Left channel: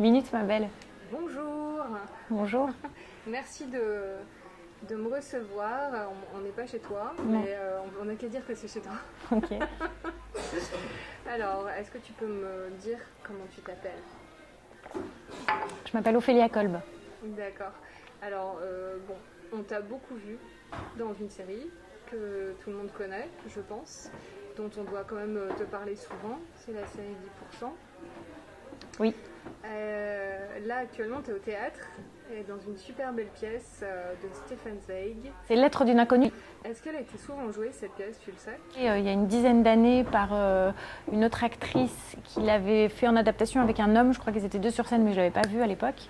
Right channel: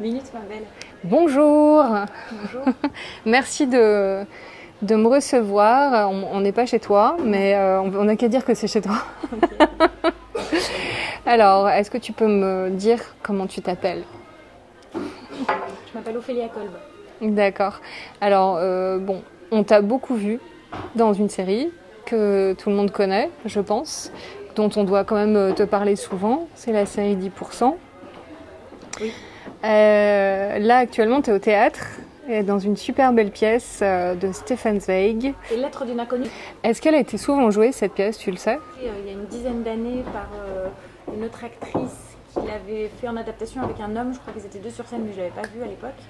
Minute, ma belle. Bonjour. Bonjour. Merci de me recevoir. On n'est pas chez toi, mais on n'a qu'à dire que c'est chez toi. Ok. Alors, est-ce que tu peux me dire comment tu t'appelles? Je m'appelle Ophélia Kolb. D'accord. Alors, bon, on t'a beaucoup vu dans une série que tout le monde connaît, je pense, dont on doit quand même te parler souvent. C'est la série 10%. Oui. Là, actuellement, tu es au théâtre, et dans une super belle pièce de Stefan Zweig. Les lettres d'une inconnue. Est-ce qu'elle a été souvent jouée, cette pièce, tu le sais? Il y a une dizaine d'années par une autre actrice qui l'avait fait en adaptation avec un homme. Je crois qu'ils étaient deux sur scène, mais je ne l'avais pas vu à l'époque.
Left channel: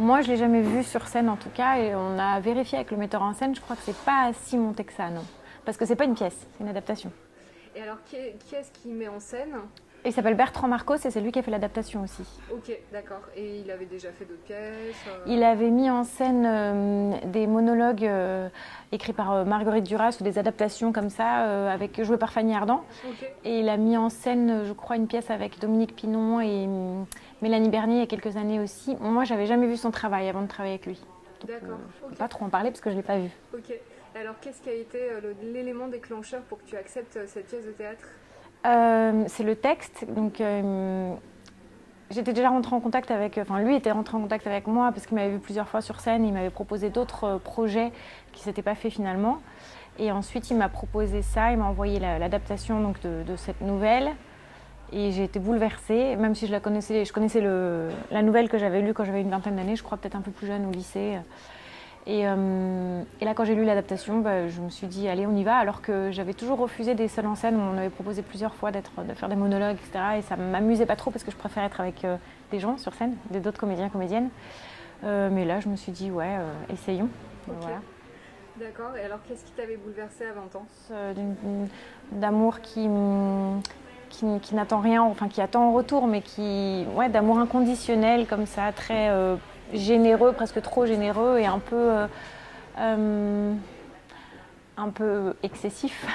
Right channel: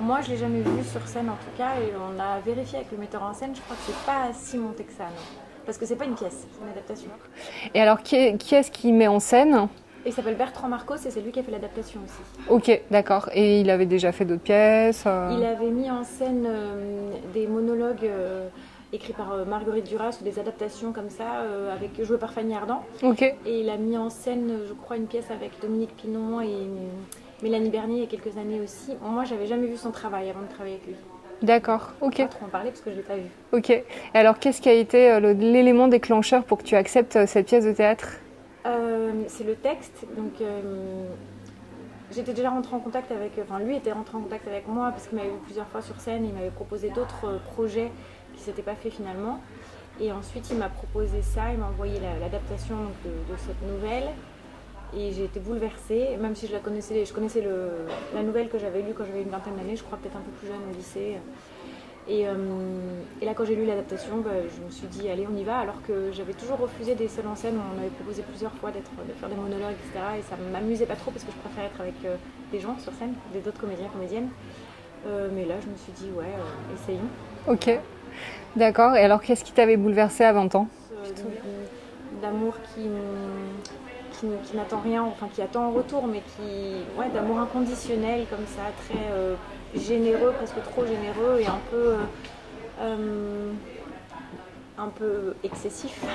Moi, je ne l'ai jamais vue sur scène en tout cas, et on a vérifié avec le metteur en scène. Je crois que c'est pas si monté que ça, non. Parce que c'est pas une pièce, c'est une adaptation. Et alors, qui est-ce qui met en scène? Il s'appelle Bertrand Marcos et c'est lui qui a fait l'adaptation aussi. Ok, d'accord. Et il avait déjà fait d'autres pièces Il avait mis en scène des monologues écrits par Marguerite Duras ou des adaptations comme ça, jouées par Fanny Ardant. Ok, Et il a mis en scène, je crois, une pièce avec Dominique Pinon et Mélanie Bernier il y a quelques années aussi. Moi, j'avais jamais vu son travail avant de travailler avec lui. d'accord, Je ne ok. peux pas trop en parler parce que je ne l'ai pas vu. Ok. Et alors, qu'est-ce qui a été l'élément déclencheur pour que tu acceptes cette pièce de théâtre? C'est le texte. Donc, j'étais déjà rentrée en contact avec... Enfin, lui était rentré en contact avec moi parce qu'il m'avait vu plusieurs fois sur scène. Il m'avait proposé d'autres projets qui ne s'étaient pas faits finalement. Et ensuite, il m'a proposé ça. Il m'a envoyé l'adaptation donc, de cette nouvelle. Et j'ai été bouleversée, même si je la connaissais. Je connaissais la nouvelle que j'avais lue quand j'avais une vingtaine d'années. Je crois peut-être un peu plus jeune au lycée. Et là, quand j'ai lu l'adaptation, je me suis dit, allez, on y va. Alors que j'avais toujours refusé des seuls en scène. On m'avait proposé plusieurs fois de faire des monologues, etc. Et ça ne m'amusait pas trop parce que je préfère être avec des gens sur scène, d'autres comédiens, comédiennes. Mais là, je me suis dit, ouais, essayons. Ok, Voilà. d'accord. Et alors, qu'est-ce qui t'avait bouleversée à 20 ans? D'amour qui n'attend rien, enfin qui attend en retour, mais d'amour inconditionnel comme ça, très généreux, presque trop généreux et un peu excessif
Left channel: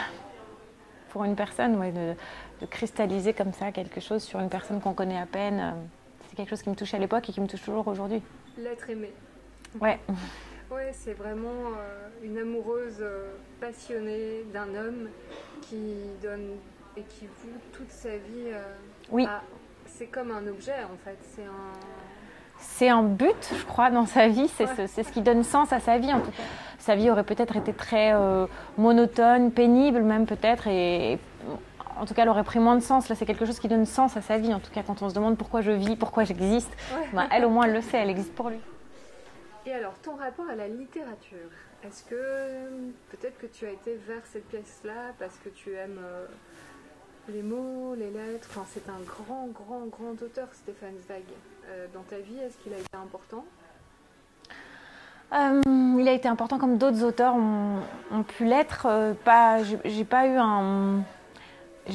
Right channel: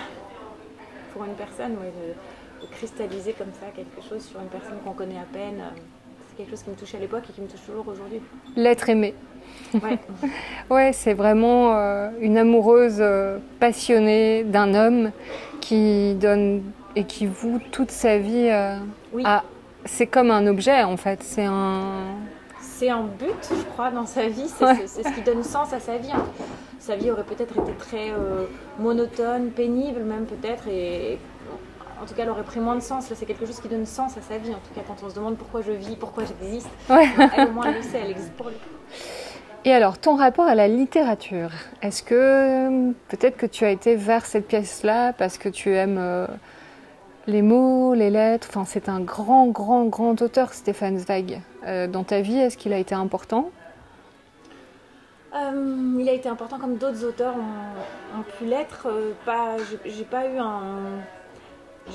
pour une personne, de cristalliser comme ça quelque chose sur une personne qu'on connaît à peine. C'est quelque chose qui me touchait à l'époque et qui me touche toujours aujourd'hui. L'être aimé. Ouais. Ouais, c'est vraiment une amoureuse passionnée d'un homme qui donne et qui voue toute sa vie Oui. à... C'est comme un objet, en fait. C'est un but, je crois, dans sa vie. C'est ce qui donne sens à sa vie. Sa vie aurait peut-être été très monotone, pénible même peut-être. Et en tout cas, elle aurait pris moins de sens. Là, c'est quelque chose qui donne sens à sa vie. En tout cas, quand on se demande pourquoi je vis, pourquoi j'existe, Ouais. Elle, au moins, elle le sait. Elle existe pour lui. Et alors, ton rapport à la littérature, est-ce que peut-être que tu as été vers cette pièce-là parce que tu aimes les mots, les lettres? Enfin, c'est un grand, grand, grand auteur, Stefan Zweig. Dans ta vie, est-ce qu'il a été important? Il a été important comme d'autres auteurs ont pu l'être. J'ai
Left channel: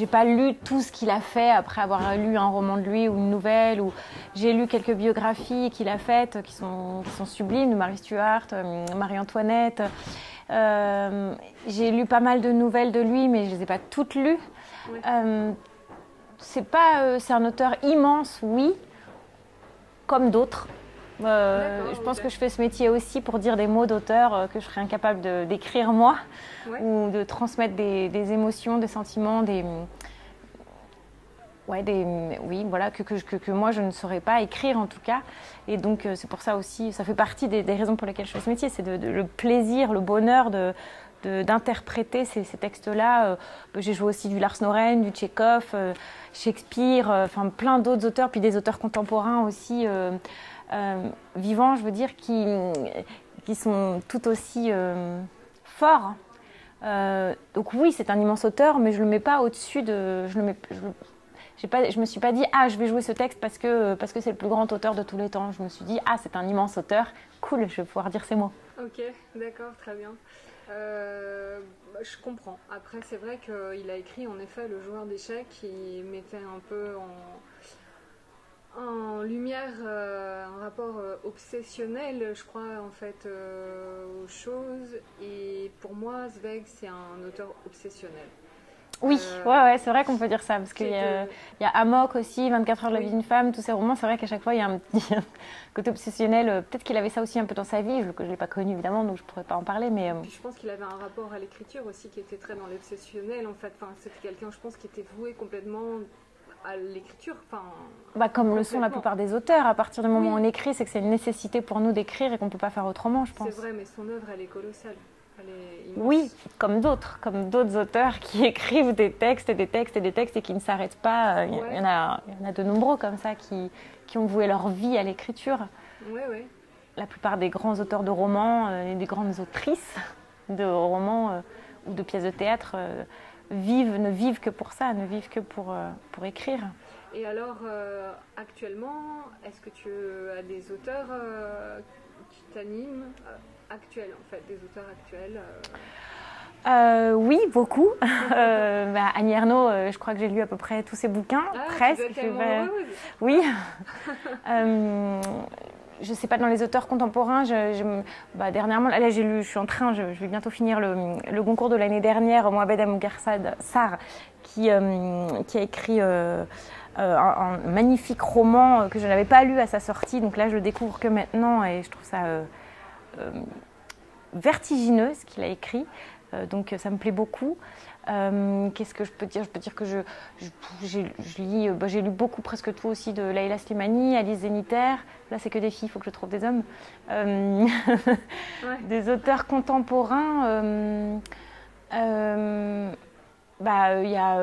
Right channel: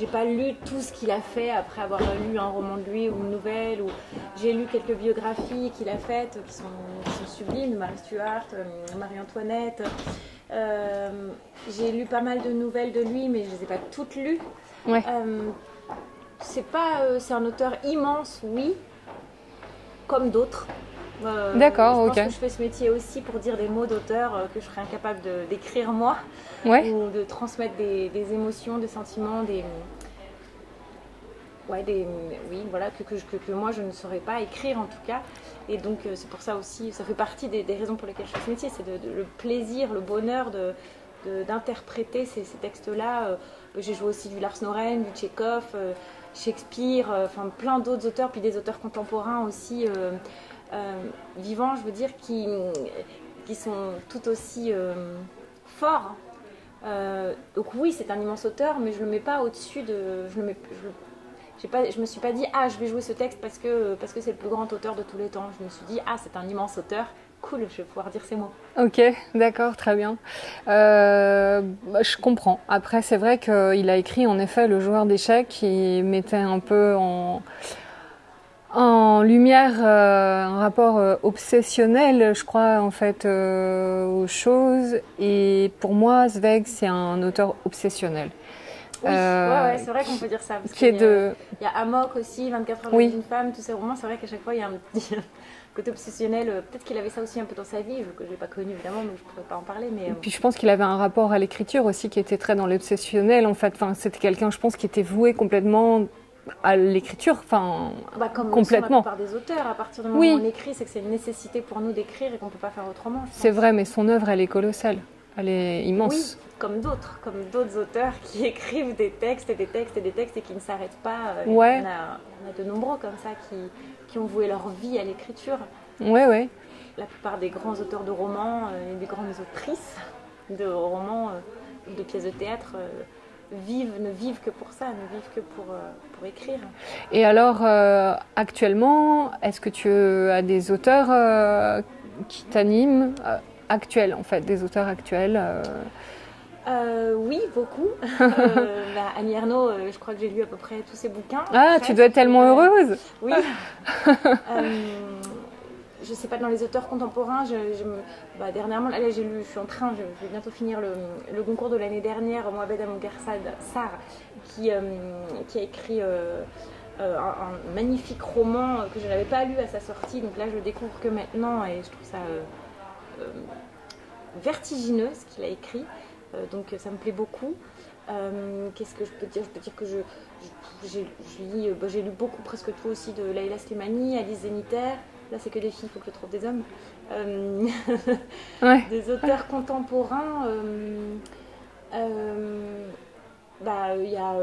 pas lu tout ce qu'il a fait après avoir lu un roman de lui ou une nouvelle. J'ai lu quelques biographies qu'il a faites qui sont sublimes, de Marie Stuart, Marie-Antoinette. J'ai lu pas mal de nouvelles de lui, mais je les ai pas toutes lues. Ouais. C'est un auteur immense, oui, comme d'autres. D'accord, je ok. pense que je fais ce métier aussi pour dire des mots d'auteur que je serais incapable d'écrire moi, Ouais. ou de transmettre des émotions, des sentiments, que moi je ne saurais pas écrire en tout cas. Et donc c'est pour ça aussi, ça fait partie des raisons pour lesquelles je fais ce métier, c'est le plaisir, le bonheur d'interpréter ces textes-là. J'ai joué aussi du Lars Noren, du Tchekhov, Shakespeare, plein d'autres auteurs, puis des auteurs contemporains aussi vivants, je veux dire, qui sont tout aussi forts. Donc oui, c'est un immense auteur, mais je le mets pas au-dessus de... Je me suis pas dit « Ah, je vais jouer ce texte parce que c'est le plus grand auteur de tous les temps ». Je me suis dit « Ah, c'est un immense auteur, cool, je vais pouvoir dire ces mots ». Ok, d'accord, très bien. Je comprends. Après, c'est vrai qu'il a écrit en effet Le joueur d'échecs qui mettait un peu en lumière un rapport obsessionnel, je crois, en fait, aux choses. Et pour moi, Zweig, c'est un auteur obsessionnel. Oui, ouais, c'est vrai qu'on peut dire ça. Parce qu'il y a Amok aussi, 24 heures de la vie d'une femme, tous ces romans. C'est vrai qu'à chaque fois, il y a un petit côté obsessionnel. Peut-être qu'il avait ça aussi un peu dans sa vie. Je ne l'ai pas connu, évidemment, donc je ne pourrais pas en parler. Mais, Et puis je pense qu'il avait un rapport à l'écriture aussi qui était très dans l'obsessionnel. En fait, c'était quelqu'un, je pense, qui était voué complètement à l'écriture. Comme complètement. La plupart des auteurs, à partir du moment où on écrit, c'est que c'est une nécessité pour nous d'écrire et qu'on ne peut pas faire autrement, je pense. C'est vrai, mais son œuvre, elle est colossale. Elle est immense. Oui, comme d'autres auteurs qui écrivent des textes et des textes et des textes et qui ne s'arrêtent pas. Il y en a de nombreux comme ça qui ont voué leur vie à l'écriture. Ouais. La plupart des grands auteurs de romans et des grandes autrices de romans ou de pièces de théâtre ne vivent que pour ça, ne vivent que pour écrire. Et alors, actuellement, est-ce que tu as des auteurs qui t'animent actuels, en fait, des auteurs actuels Oui, beaucoup. Annie Ernaux, je crois que j'ai lu à peu près tous ses bouquins. Ah, presque. Tu dois être tellement heureuse. Oui. Je ne sais pas, dans les auteurs contemporains, dernièrement, là j'ai lu, je vais bientôt finir le concours de l'année dernière, Mohamed Sarr, qui a écrit un magnifique roman que je n'avais pas lu à sa sortie, donc là je le découvre que maintenant et je trouve ça vertigineux ce qu'il a écrit, donc ça me plaît beaucoup. Qu'est-ce que je peux dire ? Je peux dire que j'ai lu beaucoup, presque tout aussi de Leila Slimani, Alice Zeniter. Là, c'est que des filles, il faut que je trouve des hommes. Des auteurs contemporains. Il y a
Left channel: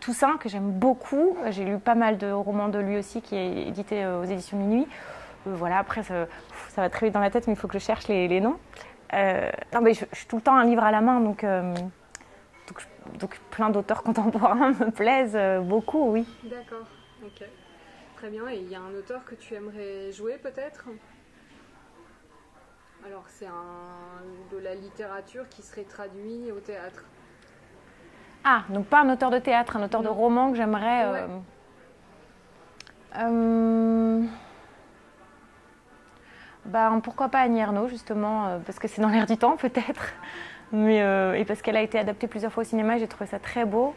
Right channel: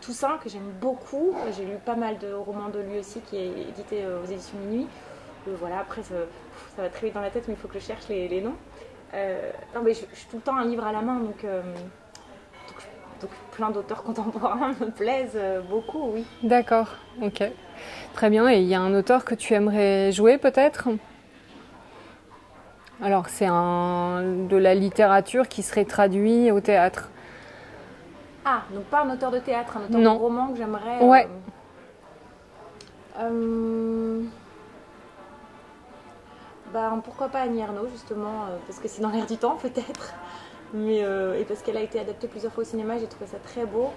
Toussaint, que j'aime beaucoup. J'ai lu pas mal de romans de lui aussi, qui est édité aux éditions Minuit. Voilà, après, ça va très vite dans la tête, mais il faut que je cherche les noms. Je suis tout le temps un livre à la main, donc plein d'auteurs contemporains me plaisent beaucoup, oui. D'accord, ok. Très bien, et il y a un auteur que tu aimerais jouer peut-être ? Alors c'est de la littérature qui serait traduit au théâtre. Ah, donc pas un auteur de théâtre, un auteur de roman que j'aimerais... Ouais. Pourquoi pas Annie Ernaux, justement, parce que c'est dans l'air du temps peut-être, et parce qu'elle a été adaptée plusieurs fois au cinéma, j'ai trouvé ça très beau.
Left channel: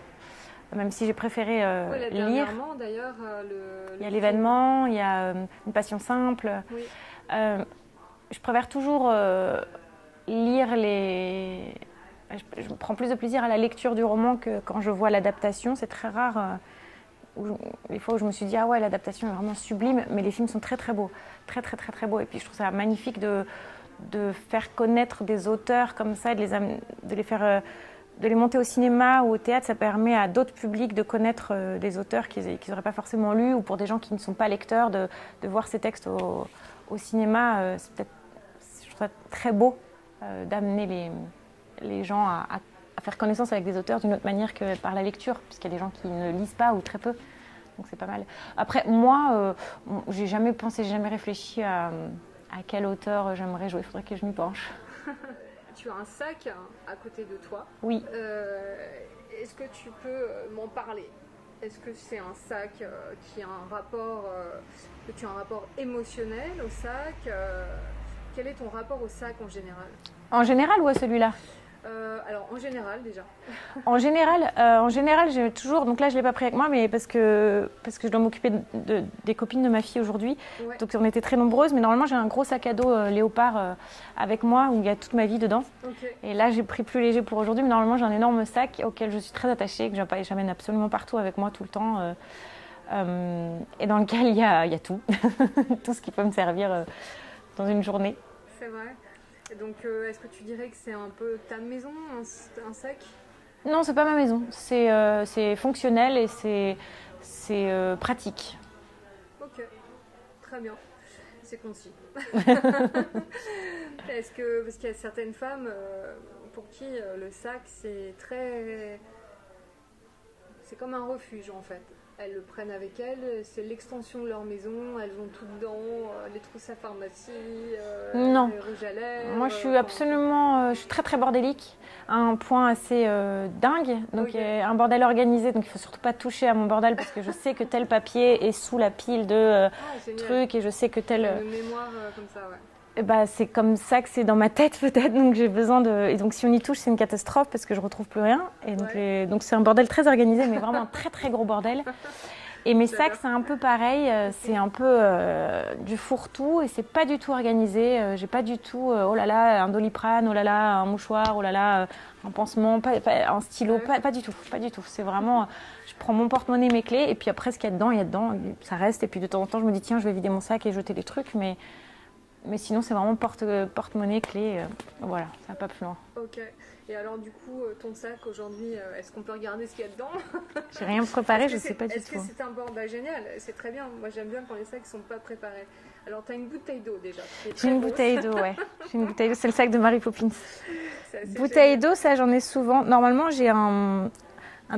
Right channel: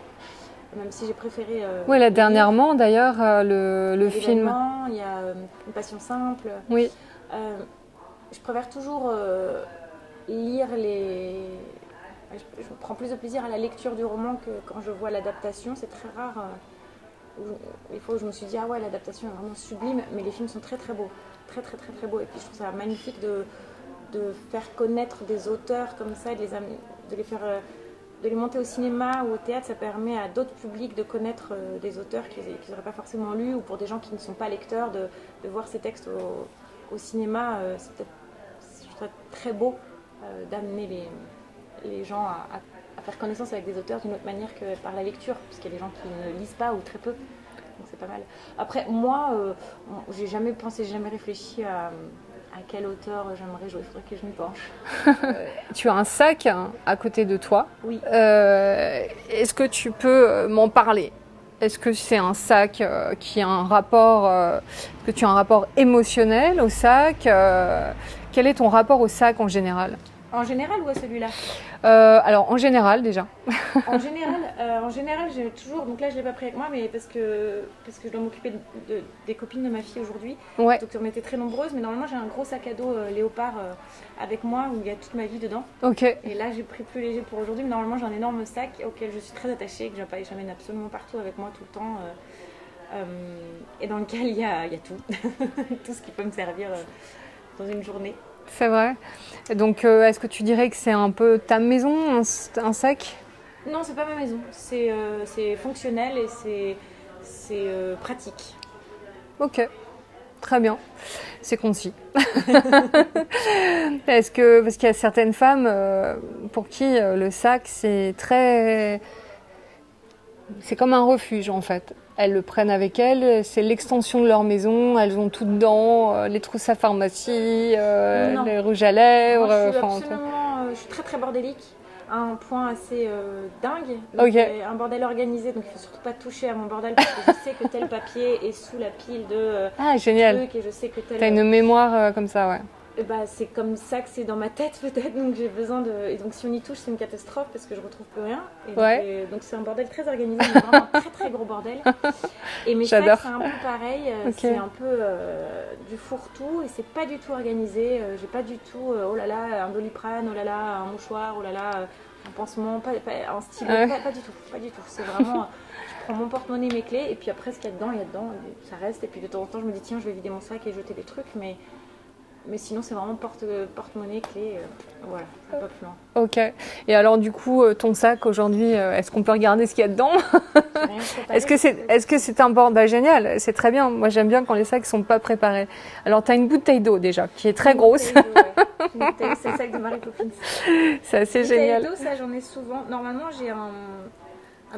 Même si j'ai préféré. Oui, là dernièrement d'ailleurs, le film. L'événement, il y a Une passion simple. Oui. Je préfère toujours lire les. Je prends plus de plaisir à la lecture du roman que quand je vois l'adaptation. C'est très rare. Les fois où je me suis dit, ah ouais, l'adaptation est vraiment sublime, mais les films sont très très beaux. Très très très très beaux. Et puis je trouve ça magnifique de faire connaître des auteurs comme ça, de les faire. De les monter au cinéma ou au théâtre, ça permet à d'autres publics de connaître des auteurs qu'ils n'auraient pas forcément lus, ou pour des gens qui ne sont pas lecteurs, de voir ces textes au cinéma. Je trouve ça très beau d'amener les gens à faire connaissance avec des auteurs d'une autre manière que par la lecture, puisqu'il y a des gens qui ne lisent pas ou très peu. Donc c'est pas mal. Après, moi, j'ai jamais réfléchi à quel auteur j'aimerais jouer. Il faudrait que je m'y penche. Tu as un sac à côté de toi. Oui. Est-ce que tu peux m'en parler ? Est-ce que c'est un sac qui a un rapport, que tu as un rapport émotionnel au sac ? Quel est ton rapport au sac en général ? En général ou à celui-là ? Alors en général déjà. En général, j'ai toujours. Donc là, je l'ai pas pris avec moi, mais parce que je dois m'occuper des copines de ma fille aujourd'hui. Ouais. Donc on était très nombreuses, mais normalement j'ai un gros sac à dos léopard avec moi où il y a toute ma vie dedans. Ok. Et là, j'ai pris plus léger pour aujourd'hui, mais normalement j'ai un énorme sac auquel je suis très attachée, que j'amène absolument partout avec moi tout le temps, et dans lequel il y a tout, tout ce qui peut me servir dans une journée. C'est vrai. Donc, est-ce que tu dirais que c'est un peu ta maison, un sac ? Non, c'est pas ma maison. C'est fonctionnel et c'est pratique. Ok, très bien. C'est concis. Parce qu'il y a certaines femmes pour qui le sac, c'est comme un refuge en fait. Elles le prennent avec elles, c'est l'extension de leur maison, elles ont tout dedans, les trousses à pharmacie, les rouges à lèvres. Moi, je suis très très bordélique, à un point assez dingue. Donc, un bordel organisé, donc il ne faut surtout pas toucher à mon bordel parce que je sais que tel papier est sous la pile de génial. trucs et je sais que tel... T'as une mémoire comme ça, ouais. Bah, c'est comme ça que c'est dans ma tête peut-être, donc j'ai besoin de... Et donc si on y touche, c'est une catastrophe parce que je retrouve plus rien. Et donc, donc c'est un bordel très organisé, mais vraiment un très très gros bordel. Et mes sacs, c'est un peu pareil, c'est un peu du fourre-tout et c'est pas du tout organisé. J'ai pas du tout, oh là là, un Doliprane, oh là là, un mouchoir, oh là là, un pansement, un stylo, pas du tout, pas du tout. C'est vraiment... Je prends mon porte-monnaie, mes clés, et puis après ce qu'il y a dedans, ça reste. Et puis de temps en temps, je me dis tiens, je vais vider mon sac et jeter des trucs, mais sinon, c'est vraiment porte-monnaie, clé. Voilà, ça va pas plus loin. Ok. Et alors, du coup, ton sac aujourd'hui, est-ce qu'on peut regarder ce qu'il y a dedans? J'ai rien préparé. Est-ce que c'est un bord génial, c'est très bien. Moi, j'aime bien quand les sacs sont pas préparés. Alors, tu as une bouteille d'eau déjà, qui est très grosse. Une bouteille d'eau, c'est le sac de Mary Poppins. C'est assez génial. Bouteille d'eau, ça, j'en ai souvent. Normalement, j'ai un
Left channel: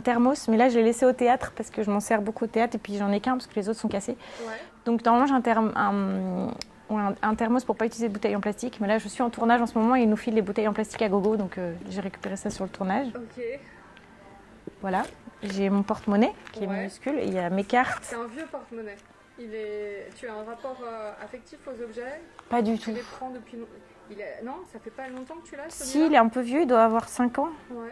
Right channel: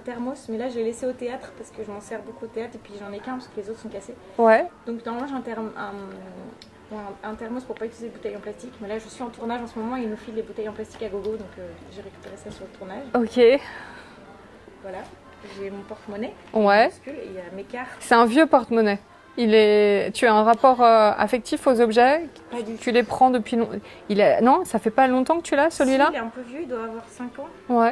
thermos, mais là, je l'ai laissé au théâtre parce que je m'en sers beaucoup au théâtre et puis j'en ai qu'un parce que les autres sont cassés. Ouais. Donc, normalement, j'ai un thermos pour pas utiliser de bouteilles en plastique, mais là je suis en tournage en ce moment et ils nous filent les bouteilles en plastique à gogo, donc j'ai récupéré ça sur le tournage. Ok. Voilà, j'ai mon porte-monnaie qui est minuscule et il y a mes cartes. C'est un vieux porte-monnaie. Tu as un rapport affectif aux objets? Pas du tout. Tu les prends depuis Non, ça fait pas longtemps que tu l'as celui-là? Si, il est un peu vieux, il doit avoir 5 ans,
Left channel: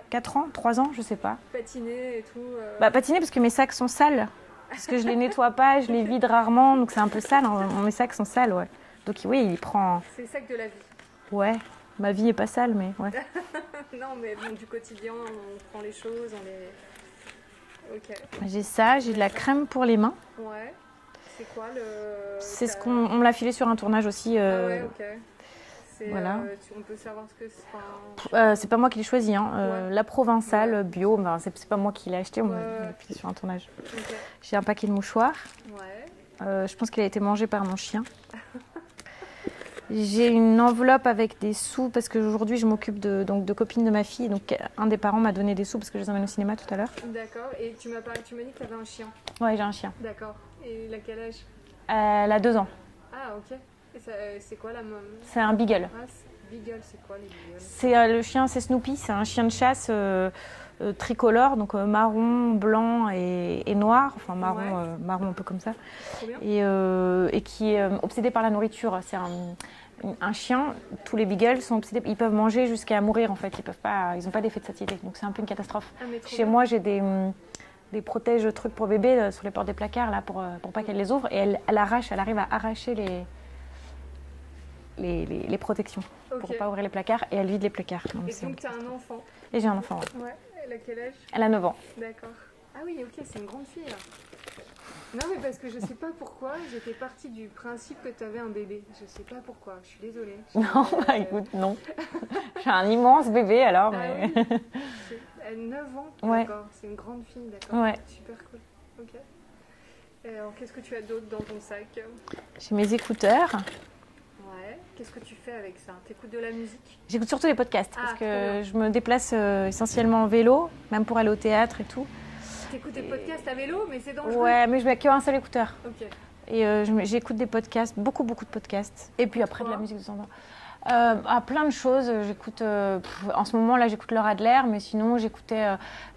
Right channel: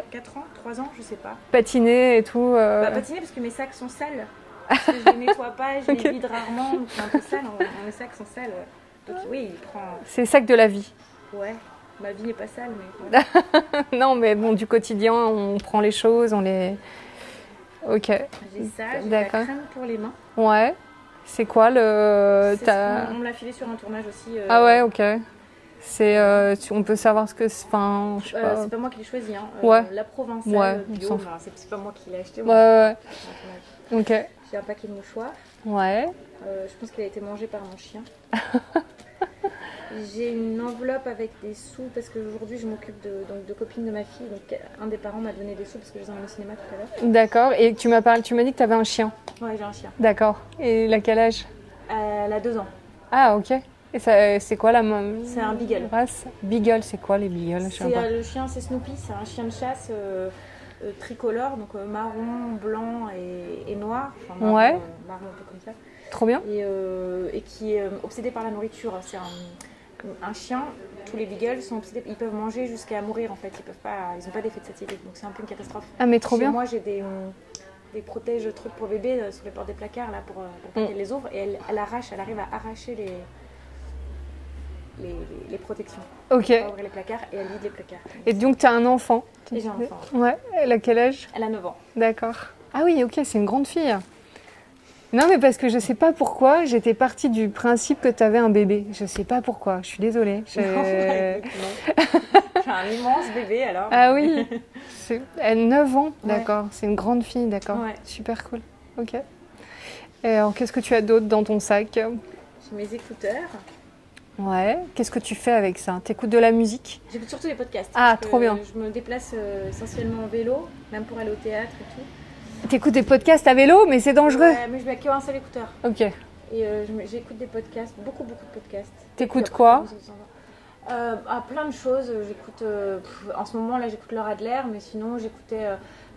4 ans, 3 ans, je sais pas. Patiné et tout Patiner parce que mes sacs sont sales, parce que je les nettoie pas, je les vide rarement, donc c'est un peu sale, mes sacs sont sales, ouais. Donc oui, il prend... C'est le sac de la vie. Ouais, ma vie n'est pas sale, mais... Ouais. Non, mais bon, du quotidien, on prend les choses, on les... Ok. J'ai ça, j'ai de la crème pour les mains. Ouais. C'est quoi le... On me l'a filé sur un tournage aussi. Ah ouais, ok. On peut savoir ce que c'est... c'est pas moi qui l'ai choisi, hein. La Provençale bio, enfin, c'est pas moi qui l'ai acheté, sur un tournage. Ok. J'ai un paquet de mouchoirs. Ouais. Je pense qu'il a été mangé par mon chien. J'ai une enveloppe avec des sous parce qu'aujourd'hui je m'occupe de copines de ma fille. Donc un des parents m'a donné des sous parce que je les emmène au cinéma tout à l'heure. D'accord. Et tu m'as dit que tu avais un chien. Oui, j'ai un chien. D'accord. Et il a quel âge? Elle a 2 ans. Ah, ok. Et c'est quoi la C'est un beagle. Beagle, c'est quoi les beagles? Le chien, c'est Snoopy. C'est un chien de chasse tricolore, donc marron, blanc et noir. Enfin, marron un peu comme ça. Trop bien. Et qui est obsédé par la nourriture. C'est un chien, tous les beagles sont obsédés, ils peuvent manger jusqu'à mourir en fait, ils n'ont pas d'effet de satiété, donc c'est un peu une catastrophe. Ah mais trop bien. Chez moi j'ai des protèges trucs pour bébé sur les portes des placards là pour pas qu'elle les ouvre et elle arrive à arracher les protections. Ok. Pour pas ouvrir les placards et elle vide les placards. Et donc tu as un enfant? Et j'ai un enfant. Ouais, elle a quel âge? Elle a 9 ans. D'accord. Ah oui, ok, c'est une grande fille. Non, mais parce que je sais pas pourquoi, j'étais partie du principe que tu avais un bébé. Je sais pas pourquoi, je suis désolée. Non, écoute, non. J'ai un immense bébé alors. Ah oui, elle a 9 ans, Ouais. D'accord. C'est une grande fille, d'accord. Ouais. Super cool. Ok. Et alors, qu'est-ce que tu as d'autre dans ton sac? J'ai mes écouteurs. Ouais. Qu'est-ce que tu fais avec ça? T'écoutes de la musique? J'écoute surtout des podcasts. Ah, parce trop que bien. Je me déplace essentiellement en vélo, même pour aller au théâtre et tout. T'écoutes des podcasts à vélo, mais c'est dangereux. Ouais, mais je mets qu'un seul écouteur. Ok. Et j'écoute des podcasts, beaucoup de podcasts. T'écoutes quoi? Plein de choses. J'écoute, en ce moment là, j'écoute Laura Adler, mais sinon j'écoutais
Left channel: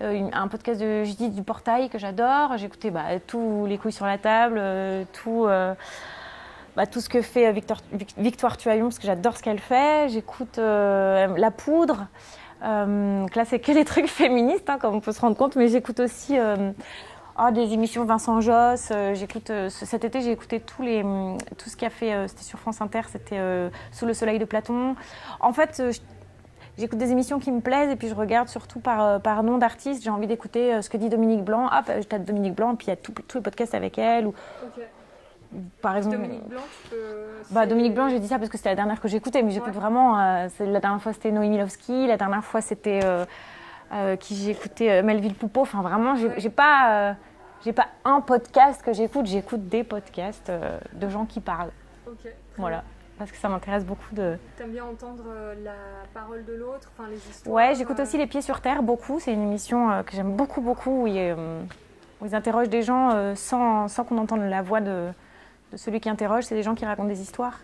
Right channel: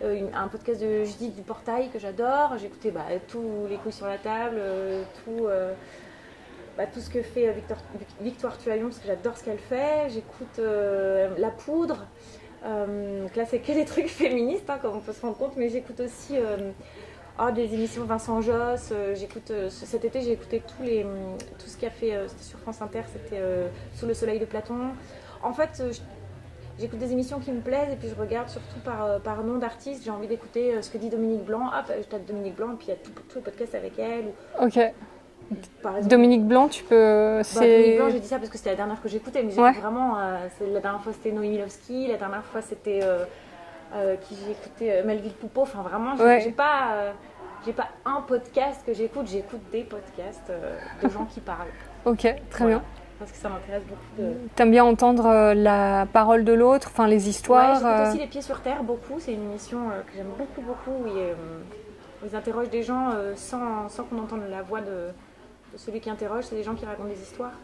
un podcast de Judith du Portail que j'adore. J'écoutais tous les couilles sur la table, tout ce que fait Victoire Tualion, parce que j'adore ce qu'elle fait. J'écoute La Poudre. Là, c'est que des trucs féministes, hein, comme on peut se rendre compte, mais j'écoute aussi des émissions Vincent Josse. Cet été, j'ai écouté tout ce qu'il a fait, c'était sur France Inter, c'était Sous le soleil de Platon. En fait, j'écoute des émissions qui me plaisent et puis je regarde surtout par nom d'artiste. J'ai envie d'écouter ce que dit Dominique Blanc. Je tape Dominique Blanc, puis il y a tous les podcasts avec elle. Ok. Par exemple, Dominique Blanc, tu peux... Dominique Blanc, j'ai dit ça parce que c'était la dernière que j'écoutais, mais j'écoute vraiment... la dernière fois, c'était Noémie Lovski, la dernière fois, c'était... qui j'ai écouté Melville Poupeau. Enfin, vraiment, j'ai pas un podcast que j'écoute des podcasts de gens qui parlent. Ok, très bien. Parce que ça m'intéresse beaucoup de... T'aimes bien entendre la parole de l'autre, enfin les histoires? Ouais, j'écoute aussi Les Pieds sur Terre, beaucoup. C'est une émission que j'aime beaucoup, où ils interrogent des gens sans qu'on entende la voix de celui qui interroge. C'est des gens qui racontent des histoires,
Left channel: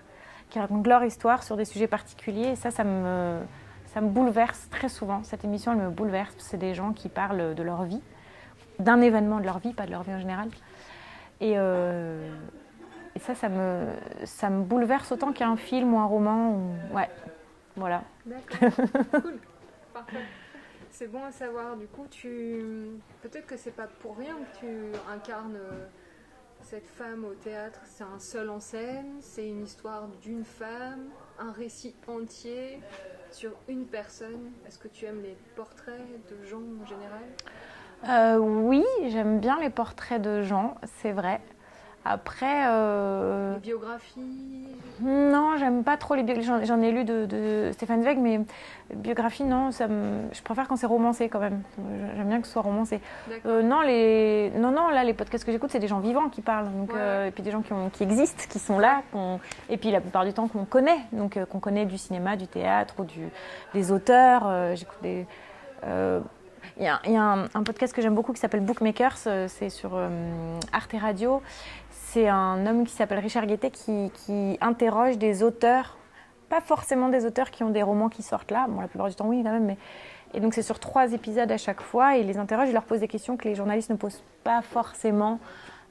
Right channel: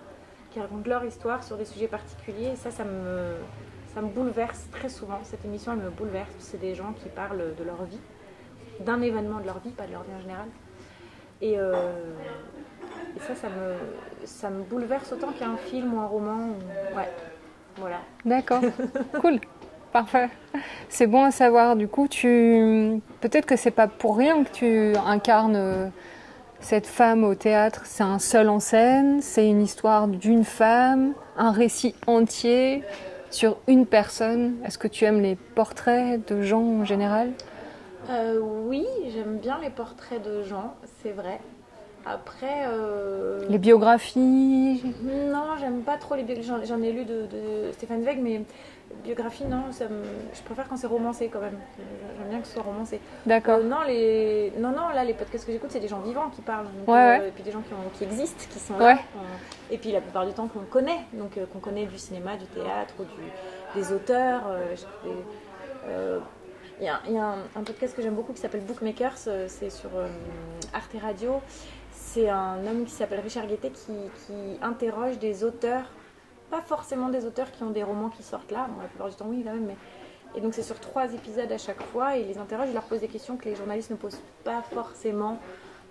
qui racontent leur histoire sur des sujets particuliers. Et ça me bouleverse très souvent. Cette émission, elle me bouleverse. C'est des gens qui parlent de leur vie, d'un événement de leur vie, pas de leur vie en général. Et Et ça me bouleverse autant qu'un film ou un roman. Ouais, voilà. D'accord, cool, parfait. C'est bon à savoir. Du coup, peut-être que c'est pas pour rien que tu incarnes cette femme au théâtre. C'est un seul en scène, c'est une histoire d'une femme, un récit entier sur une personne. Est-ce que tu aimes les portraits de gens en général? Oui, j'aime bien les portraits de gens, c'est vrai. Après... Les biographies? Non, j'aime pas trop les biographies. J'en ai lu de Stéphane Zweig, mais biographie, non, je préfère quand c'est romancé quand même. J'aime bien que ce soit romancé. D'accord. Non, là, les podcasts que j'écoute, c'est des gens vivants qui parlent. Donc, Ouais. Et puis des gens qui existent, qui sont Ouais. là. Et puis la plupart du temps qu'on connaît. Donc qu'on connaît du cinéma, du théâtre ou des auteurs. J'écoute des... Il y a un podcast que j'aime beaucoup qui s'appelle Bookmakers, c'est sur Arte Radio. C'est un homme qui s'appelle Richard Guettet qui interroge des auteurs, pas forcément des auteurs qui ont des romans qui sortent là, bon la plupart du temps oui quand même, mais... Et donc c'est sur 3 épisodes à chaque fois, et il les interroge, il leur pose des questions que les journalistes ne posent pas forcément,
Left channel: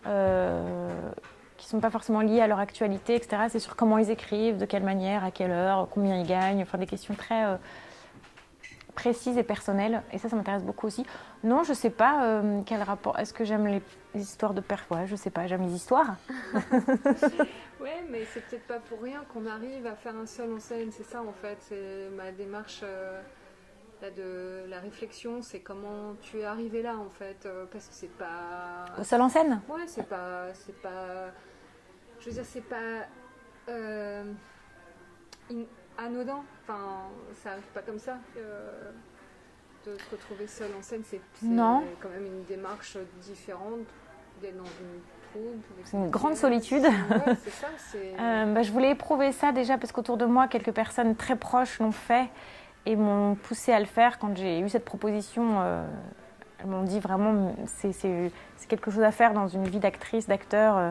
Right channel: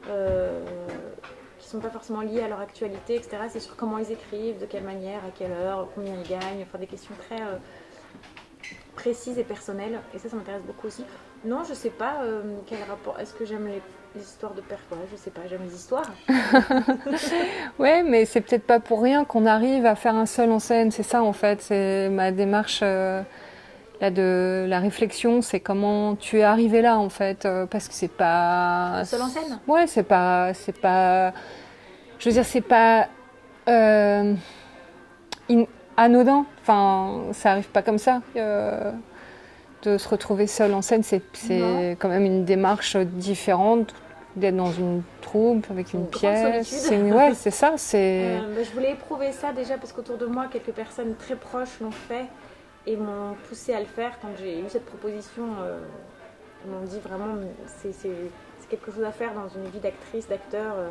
qui ne sont pas forcément liées à leur actualité, etc. C'est sur comment ils écrivent, de quelle manière, à quelle heure, combien ils gagnent, enfin des questions très... précise et personnelle, et ça m'intéresse beaucoup aussi. Non, je sais pas quel rapport. Est-ce que j'aime les histoires de père? Ouais, je sais pas, j'aime les histoires. Ouais, mais c'est peut-être pas pour rien qu'on arrive à faire un seul en scène, c'est ça en fait, c'est ma démarche là de la réflexion, c'est comment tu es arrivé là en fait, parce que c'est pas... Seul en scène? Ouais, c'est pas... Je veux dire, c'est pas... anodin, enfin ça arrive pas comme ça de se retrouver seul en scène, c'est quand même une démarche différente d'être dans une troupe avec une grande pièce. Solitude. Ouais, c'est ça. Je voulais éprouver ça déjà parce qu'autour de moi quelques personnes très proches l'ont fait et m'ont poussé à le faire. Quand j'ai eu cette proposition, elles m'ont dit vraiment c'est quelque chose à faire dans une vie d'actrice, d'acteur.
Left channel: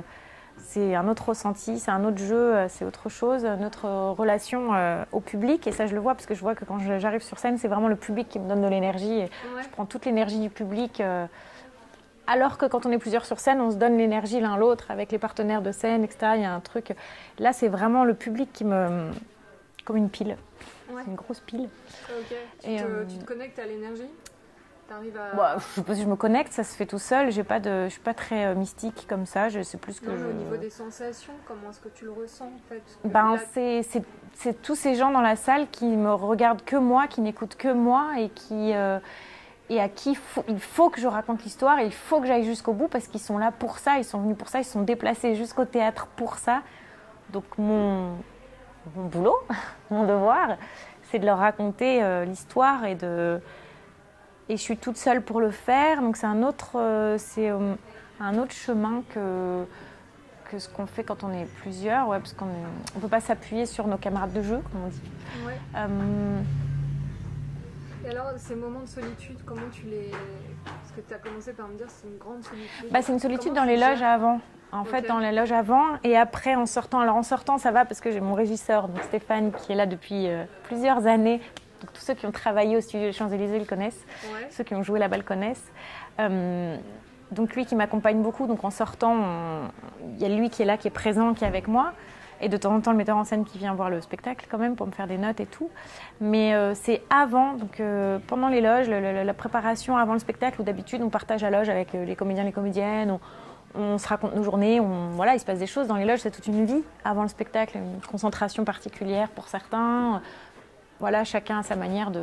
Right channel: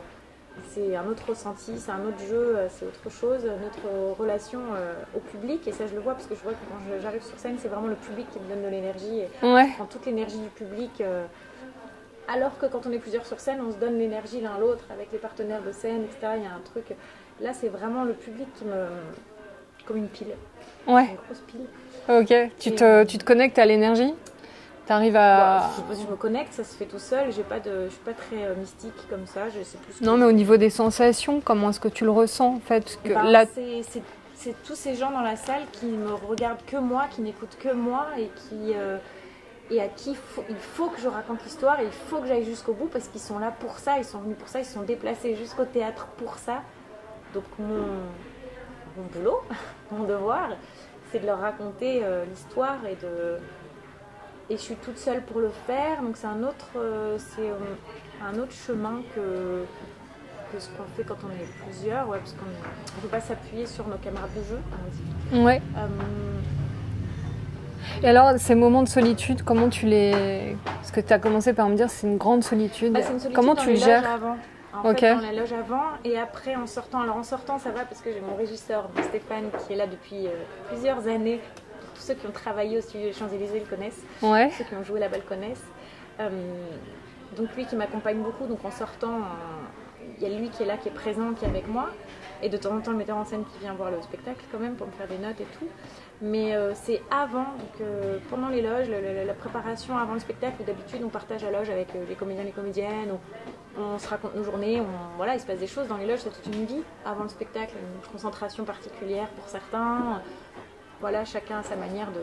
C'est un autre ressenti, c'est un autre jeu, c'est autre chose, notre relation au public. Et ça, je le vois parce que je vois que quand j'arrive sur scène, c'est vraiment le public qui me donne de l'énergie. Et ouais. je prends toute l'énergie du public. Alors que quand on est plusieurs sur scène, on se donne l'énergie l'un l'autre avec les partenaires de scène, etc. Il y a un truc. Là, c'est vraiment le public qui me. Comme une pile. Ouais. Une grosse pile. Ok. Tu te connectes à l'énergie? T'arrives à... Je sais pas si je me connecte, ça se fait tout seul. Je suis pas très mystique comme ça. C'est plus. Non, mais au niveau des sensations, comment est-ce que tu le ressens en fait que là... C'est tous ces gens dans la salle qui me regardent que moi, qui n'écoutent que moi et à qui il faut que je raconte l'histoire et il faut que j'aille jusqu'au bout parce qu'ils sont là pour ça, ils sont venus pour ça, ils se sont déplacés jusqu'au théâtre pour ça. Donc mon boulot, mon devoir, c'est de leur raconter l'histoire et je suis toute seule pour le faire. Donc c'est un autre chemin que ce qu'on fait quand on est plusieurs, ouais, parce qu'on ne peut pas s'appuyer sur nos camarades de jeu, comme on dit. Ouais. Et alors, ces moments de solitude, comment tu les... Parce que tu as commencé par me dire c'est une grande solitude. C'est une solitude comment dans tu les gères loges avant. En fait, dans les loges avant et après en sortant. Alors en sortant, ça va parce que j'ai mon régisseur, Stéphane, qui est là depuis plusieurs années. Donc, tous ceux qui ont travaillé au studio des Champs-Élysées le connaissent. Ouais. Ceux qui ont joué là-bas le connaissent. Donc lui qui m'accompagne beaucoup. Donc en sortant, il y a lui qui est là, qui est présent, qui est avec moi. Et de temps en temps, le metteur en scène qui vient voir le spectacle quand même pour me faire des notes et tout. Mais c'est avant, donc pendant les loges, la préparation avant le spectacle, où d'habitude on partage la loge avec les comédiens, les comédiennes, on se raconte nos journées, voilà, il se passe des choses dans les loges, c'est toute une vie avant le spectacle, une concentration particulière pour certains. Voilà, chacun a sa manière de...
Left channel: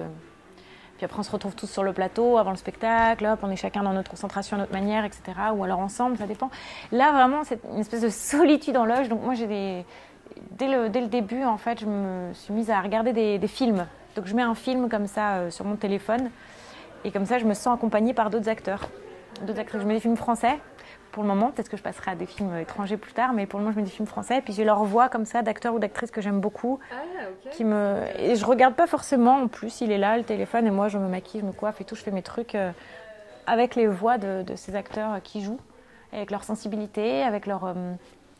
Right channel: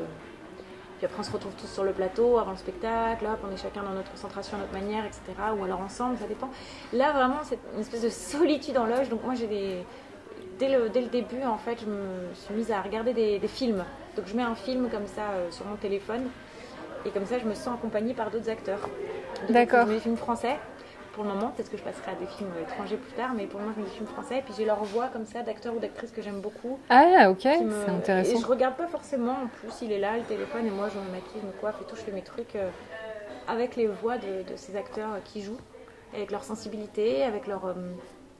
Puis après on se retrouve tous sur le plateau avant le spectacle, hop, on est chacun dans notre concentration, à notre manière, etc. Ou alors ensemble, ça dépend. Là vraiment c'est une espèce de solitude en loge, donc moi j'ai dès le début en fait je me suis mise à regarder des films. Donc je mets un film comme ça sur mon téléphone et comme ça je me sens accompagnée par d'autres acteurs. D'accord. Je mets des films français pour le moment, peut-être que je passerai à des films étrangers plus tard, mais pour le moment je mets des films français et puis j'ai leur voix comme ça d'acteurs ou d'actrices que j'aime beaucoup. Ah ok, c'est intéressant. Et je regarde pas forcément, en plus il est là le téléphone et moi je me maquille, je me coiffe et tout, je fais mes trucs avec les voix de ces acteurs qui jouent, avec leur sensibilité, avec leurs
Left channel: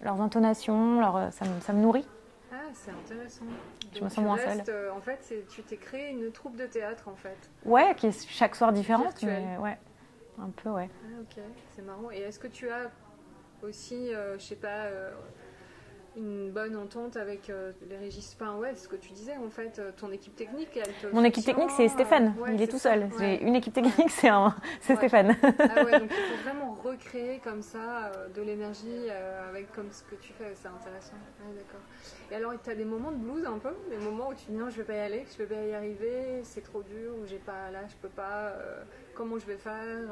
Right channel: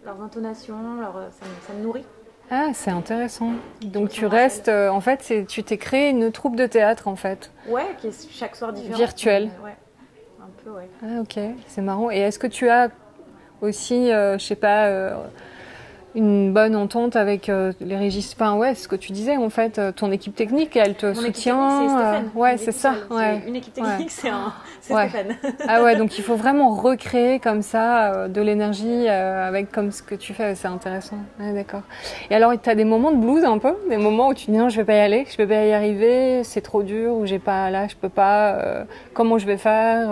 intonations, ça me nourrit. Ah, c'est intéressant. Donc tu restes, en fait, tu t'es créé une troupe de théâtre en fait. Ouais, qui est chaque soir différente. Virtuelle. Ouais, un peu, ouais. Ah ok, c'est marrant. Et est-ce que tu as aussi, je sais pas, une bonne entente avec les régisseurs. Enfin, ouais, ce que tu disais, en fait, ton équipe technique, elle te Mon équipe soutient. technique, c'est Stéphane. Ouais, Il est c'est tout ça. seul. Ouais. Une équipe technique, c'est Ouais. Stéphane. Ah ouais, donc il faut vraiment recréer comme ça de l'énergie avec comme ce que tu fais, c'est intéressant. Ouais, d'accord. Et alors, tu as des moments de blues un peu, des moments où tu dis non, je vais pas y aller, je vais pas y arriver, c'est trop dur, ou j'ai pas là, je peux pas, comment je vais faire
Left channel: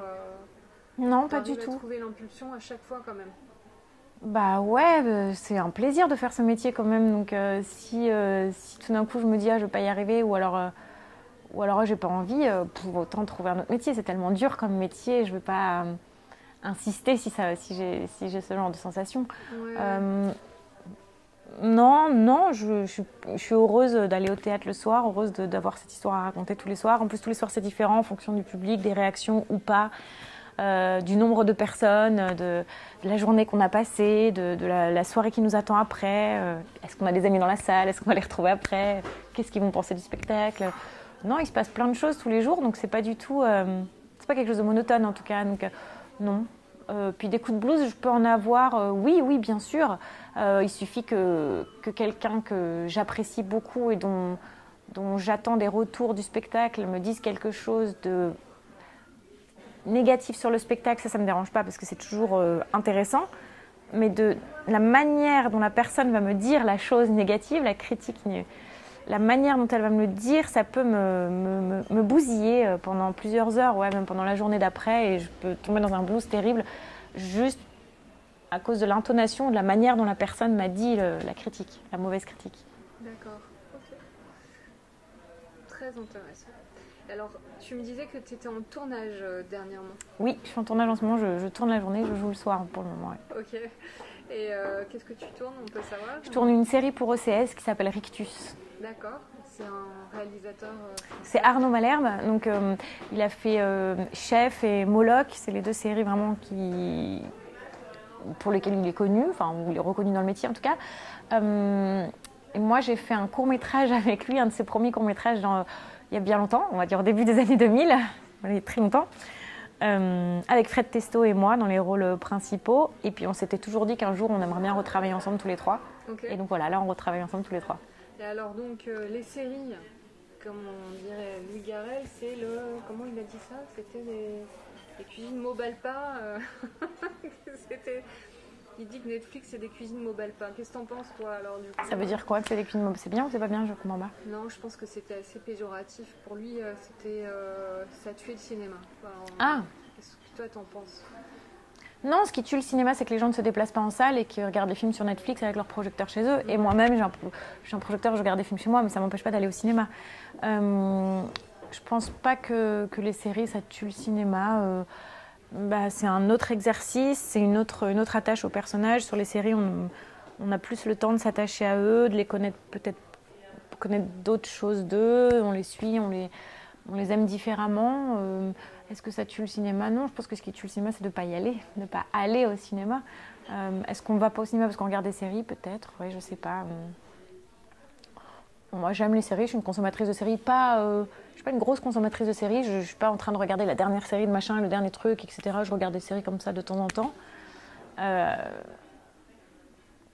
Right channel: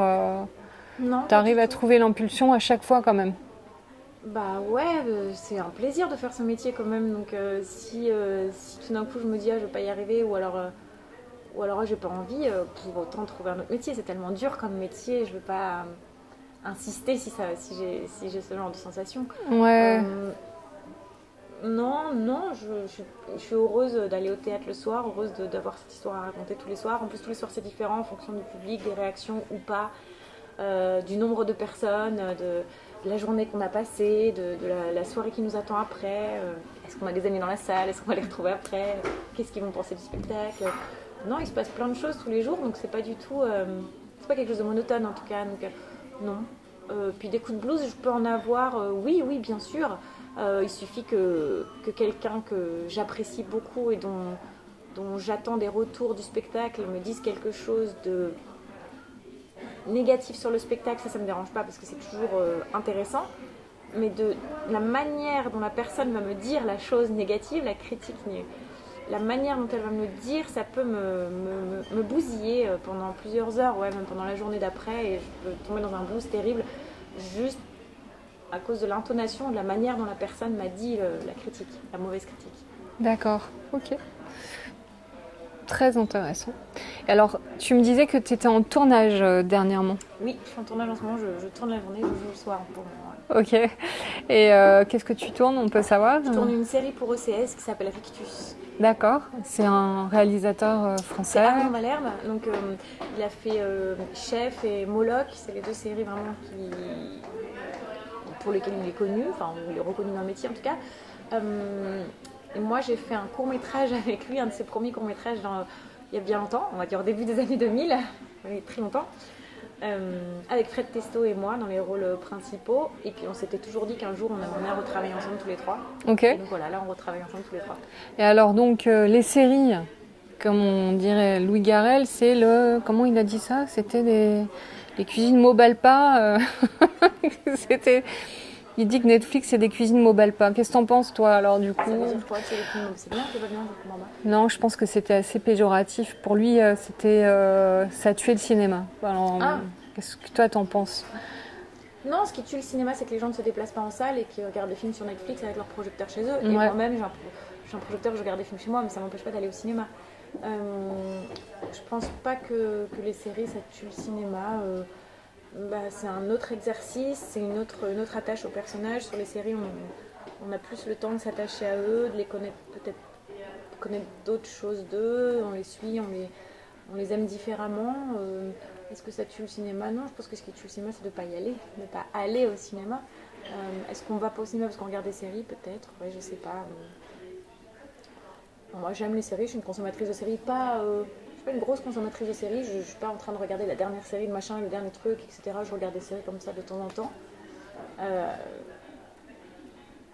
Non, Tu arrives à trouver l'impulsion à chaque fois quand même. Bah ouais, c'est un plaisir de faire ce métier quand même. Donc si tout d'un coup je me dis je vais pas y arriver ou alors j'ai pas envie, pour autant trouver un autre métier. C'est tellement dur comme métier, je vais pas insister si j'ai ce genre de sensation. Ouais. Non, je suis heureuse d'aller au théâtre le soir, heureuse d'avoir cette histoire à raconter tous les soirs. En plus tous les soirs c'est différent en fonction du public, des réactions ou pas. Du nombre de personnes, de la journée qu'on a passée, de la soirée qui nous attend après. Est-ce qu'on a des amis dans la salle? Est-ce qu'on va les retrouver après? Qu'est-ce qu'ils vont penser du spectacle? Non, il se passe plein de choses tous les jours, donc c'est pas du tout... c'est pas quelque chose de monotone en tout cas, donc non. Puis des coups de blues, je peux en avoir, oui, bien sûr. Il suffit que quelqu'un que j'apprécie beaucoup et dont j'attends des retours du spectacle me dise quelque chose de négatif sur le spectacle, ça me dérange pas parce que c'est toujours intéressant, mais de la manière dont la personne va me dire la chose négative, la critique, la manière dont elle va me le dire, ça peut me bousiller pendant plusieurs heures, ouais, même pendant la journée d'après, et je peux tomber dans un blues terrible juste à cause de l'intonation, de la manière dont la personne m'a dit la critique, la mauvaise critique. D'accord, ok. Très intéressant. Et alors, tu me disais que tu étais en tournage dernièrement. Oui, je suis en tournage en ce moment, je tourne la journée, je joue le soir pour le moment. Ouais. Ok. Et qu'est-ce que tu tournes, on peut savoir? Je tourne une série pour OCS qui s'appelle Rictus. D'accord. C'est un réalisateur français. C'est Armand Malherbe. Donc, il a fait Chef et Moloch. C'est les deux séries vraiment pour lesquelles il est connu, enfin, il est reconnu dans le métier en tout cas. Et moi, j'ai fait un court-métrage avec lui, un de ses premiers courts-métrages il y a bien longtemps, on va dire au début des années 2000, il y a très longtemps, avec Fred Testo et moi dans les rôles principaux. Et puis on s'était toujours dit qu'un jour, on aimerait bien retravailler ensemble tous les trois. Ok. Et donc voilà, là, on retravaille ensemble tous les trois. Et alors, donc, les séries, comme on dirait Louis Garrel, c'est le... Comment il a dit ça? C'était les cuisines Mobalpa. C'était... Il dit que Netflix, c'est des cuisines Mobalpa. Qu'est-ce que t'en penses, toi, alors, du coup? Ça veut dire quoi? C'est bien, c'est pas bien, je comprends pas. Non, je pense que c'était assez péjoratif. Pour lui, ça tuait le cinéma. Alors, qu'est-ce que toi, t'en penses? Non, ce qui tue le cinéma, c'est que les gens ne se déplacent pas en salle et qu'ils regardent les films sur Netflix avec leur projecteur chez eux. Et moi-même, j'ai un projecteur, je regarde des films chez moi, mais ça ne m'empêche pas d'aller au cinéma. Je pense pas que les séries, ça tue le cinéma. C'est un autre exercice, c'est une autre attache aux personnages. Sur les séries, on a plus le temps de s'attacher à eux, de les connaître, peut-être connaître d'autres choses d'eux. On les suit, on les aime différemment. Est-ce que ça tue le cinéma? Non, je pense que ce qui tue le cinéma, c'est de ne pas y aller, de ne pas aller au cinéma. Est-ce qu'on ne va pas au cinéma parce qu'on regarde des séries? Peut-être, ouais, je sais pas. Bon, moi, j'aime les séries, je suis une consommatrice de séries, je ne suis pas une grosse consommatrice de séries, je ne suis pas en train de regarder la dernière série de machin, le dernier truc, etc. Je regarde des séries comme ça de temps en temps.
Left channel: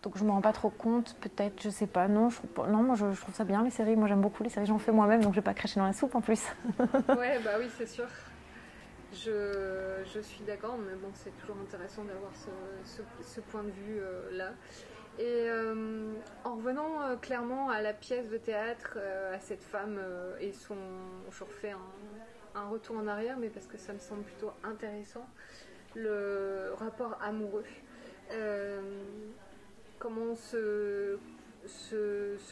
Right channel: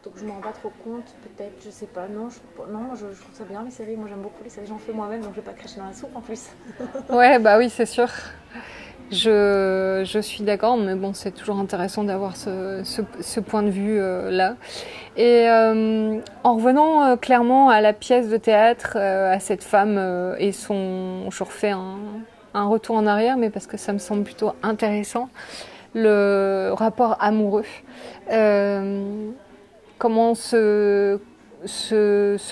Donc je ne me rends pas trop compte, peut-être, je sais pas. Non, moi je trouve ça bien les séries, moi j'aime beaucoup les séries, j'en fais moi-même, donc je ne vais pas cracher dans la soupe en plus. Ouais, bah oui, c'est sûr. Je suis d'accord, mais bon, c'est toujours intéressant d'avoir ce point de vue là. Et en revenant clairement à la pièce de théâtre, à cette femme et je refais un retour en arrière, mais parce que ça me semble plutôt intéressant, le rapport amoureux. Comment se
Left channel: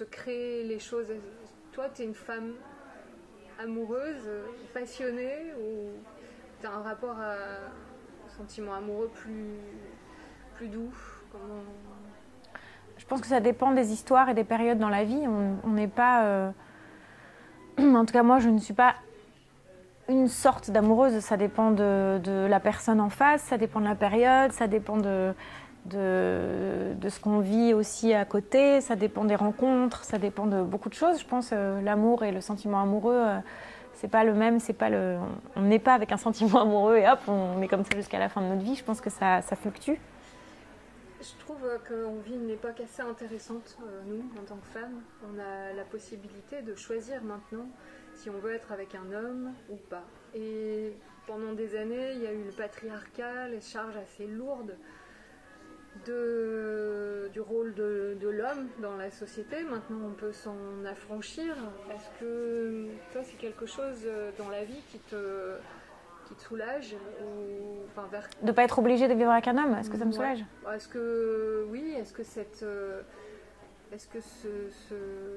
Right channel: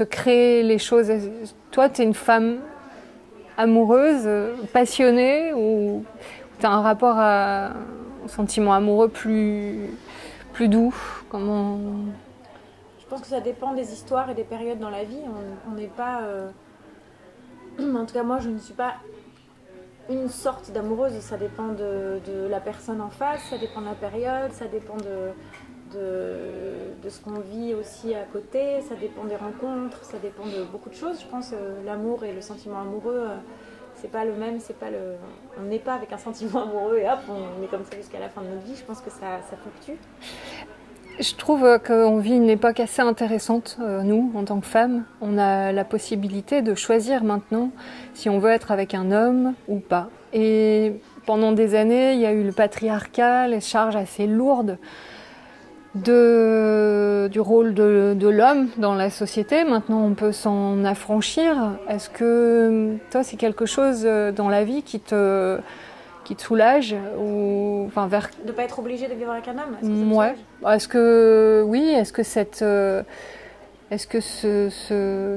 créent les choses. Toi, tu es une femme amoureuse, passionnée, ou tu as un rapport à un sentiment amoureux plus doux? Comment... Je pense que ça dépend des histoires et des périodes dans la vie. On n'est pas... En tout cas, moi, je ne suis pas une sorte d'amoureuse. Ça dépend de la personne en face, ça dépend de la période, ça dépend de ce qu'on vit aussi à côté, ça dépend des rencontres, ça dépend de beaucoup de choses. Je pense l'amour et le sentiment amoureux, c'est pas le même, on n'est pas avec un sentiment amoureux et hop, on est comme ça jusqu'à la fin de notre vie. Je pense que ça fluctue. Je trouve qu'on vit une époque assez intéressante, nous, en tant que femmes. On a la possibilité de choisir maintenant si on veut être avec un homme ou pas. Et pendant des années, il y a eu le patriarcat, les charges assez lourdes du rôle de l'homme dans la société. Maintenant, on peut s'en affranchir. Est-ce que toi, c'est quelque chose dans la vie qui te soulage ou enfin vers de pas être obligé de vivre avec un homme, est-ce que ça te ouais. soulage? Est-ce que oui,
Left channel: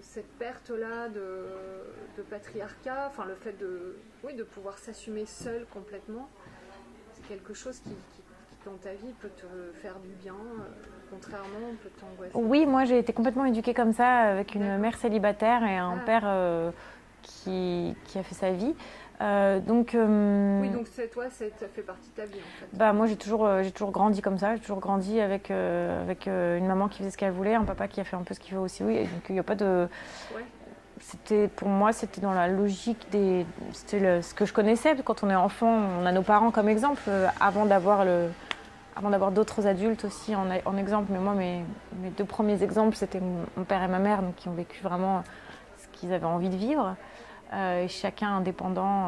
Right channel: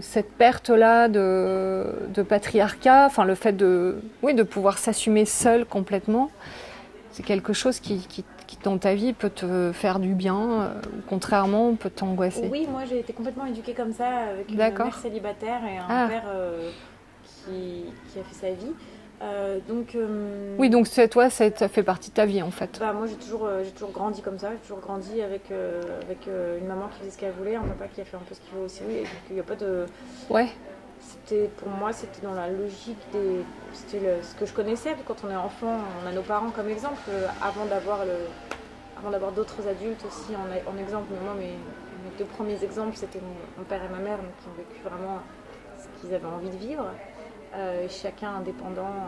cette perte-là de patriarcat, enfin le fait de pouvoir s'assumer seul complètement, c'est quelque chose qui dans ta vie peut te faire du bien, ou contrairement peut t'angoisser? Oui, moi j'ai été complètement éduquée comme ça, avec une mère célibataire et un père qui a fait sa vie. Oui, donc toi, ça fait partie de ta vie en fait. Bah, moi j'ai toujours grandi comme ça, j'ai toujours grandi avec une maman qui faisait ce qu'elle voulait, un papa qui a fait un peu ce qu'il veut aussi, oui, et donc il n'y a pas de... Ouais. Pour moi, c'était dans la logique ce que je connaissais. Quand on est enfant, on a nos parents comme exemple, avant d'avoir d'autres adultes aussi en exemple. Mais moi, mes deux premiers exemples, c'était mon père et ma mère, donc, qui ont vécu vraiment ce qu'ils avaient envie de vivre, et chacun indépendant.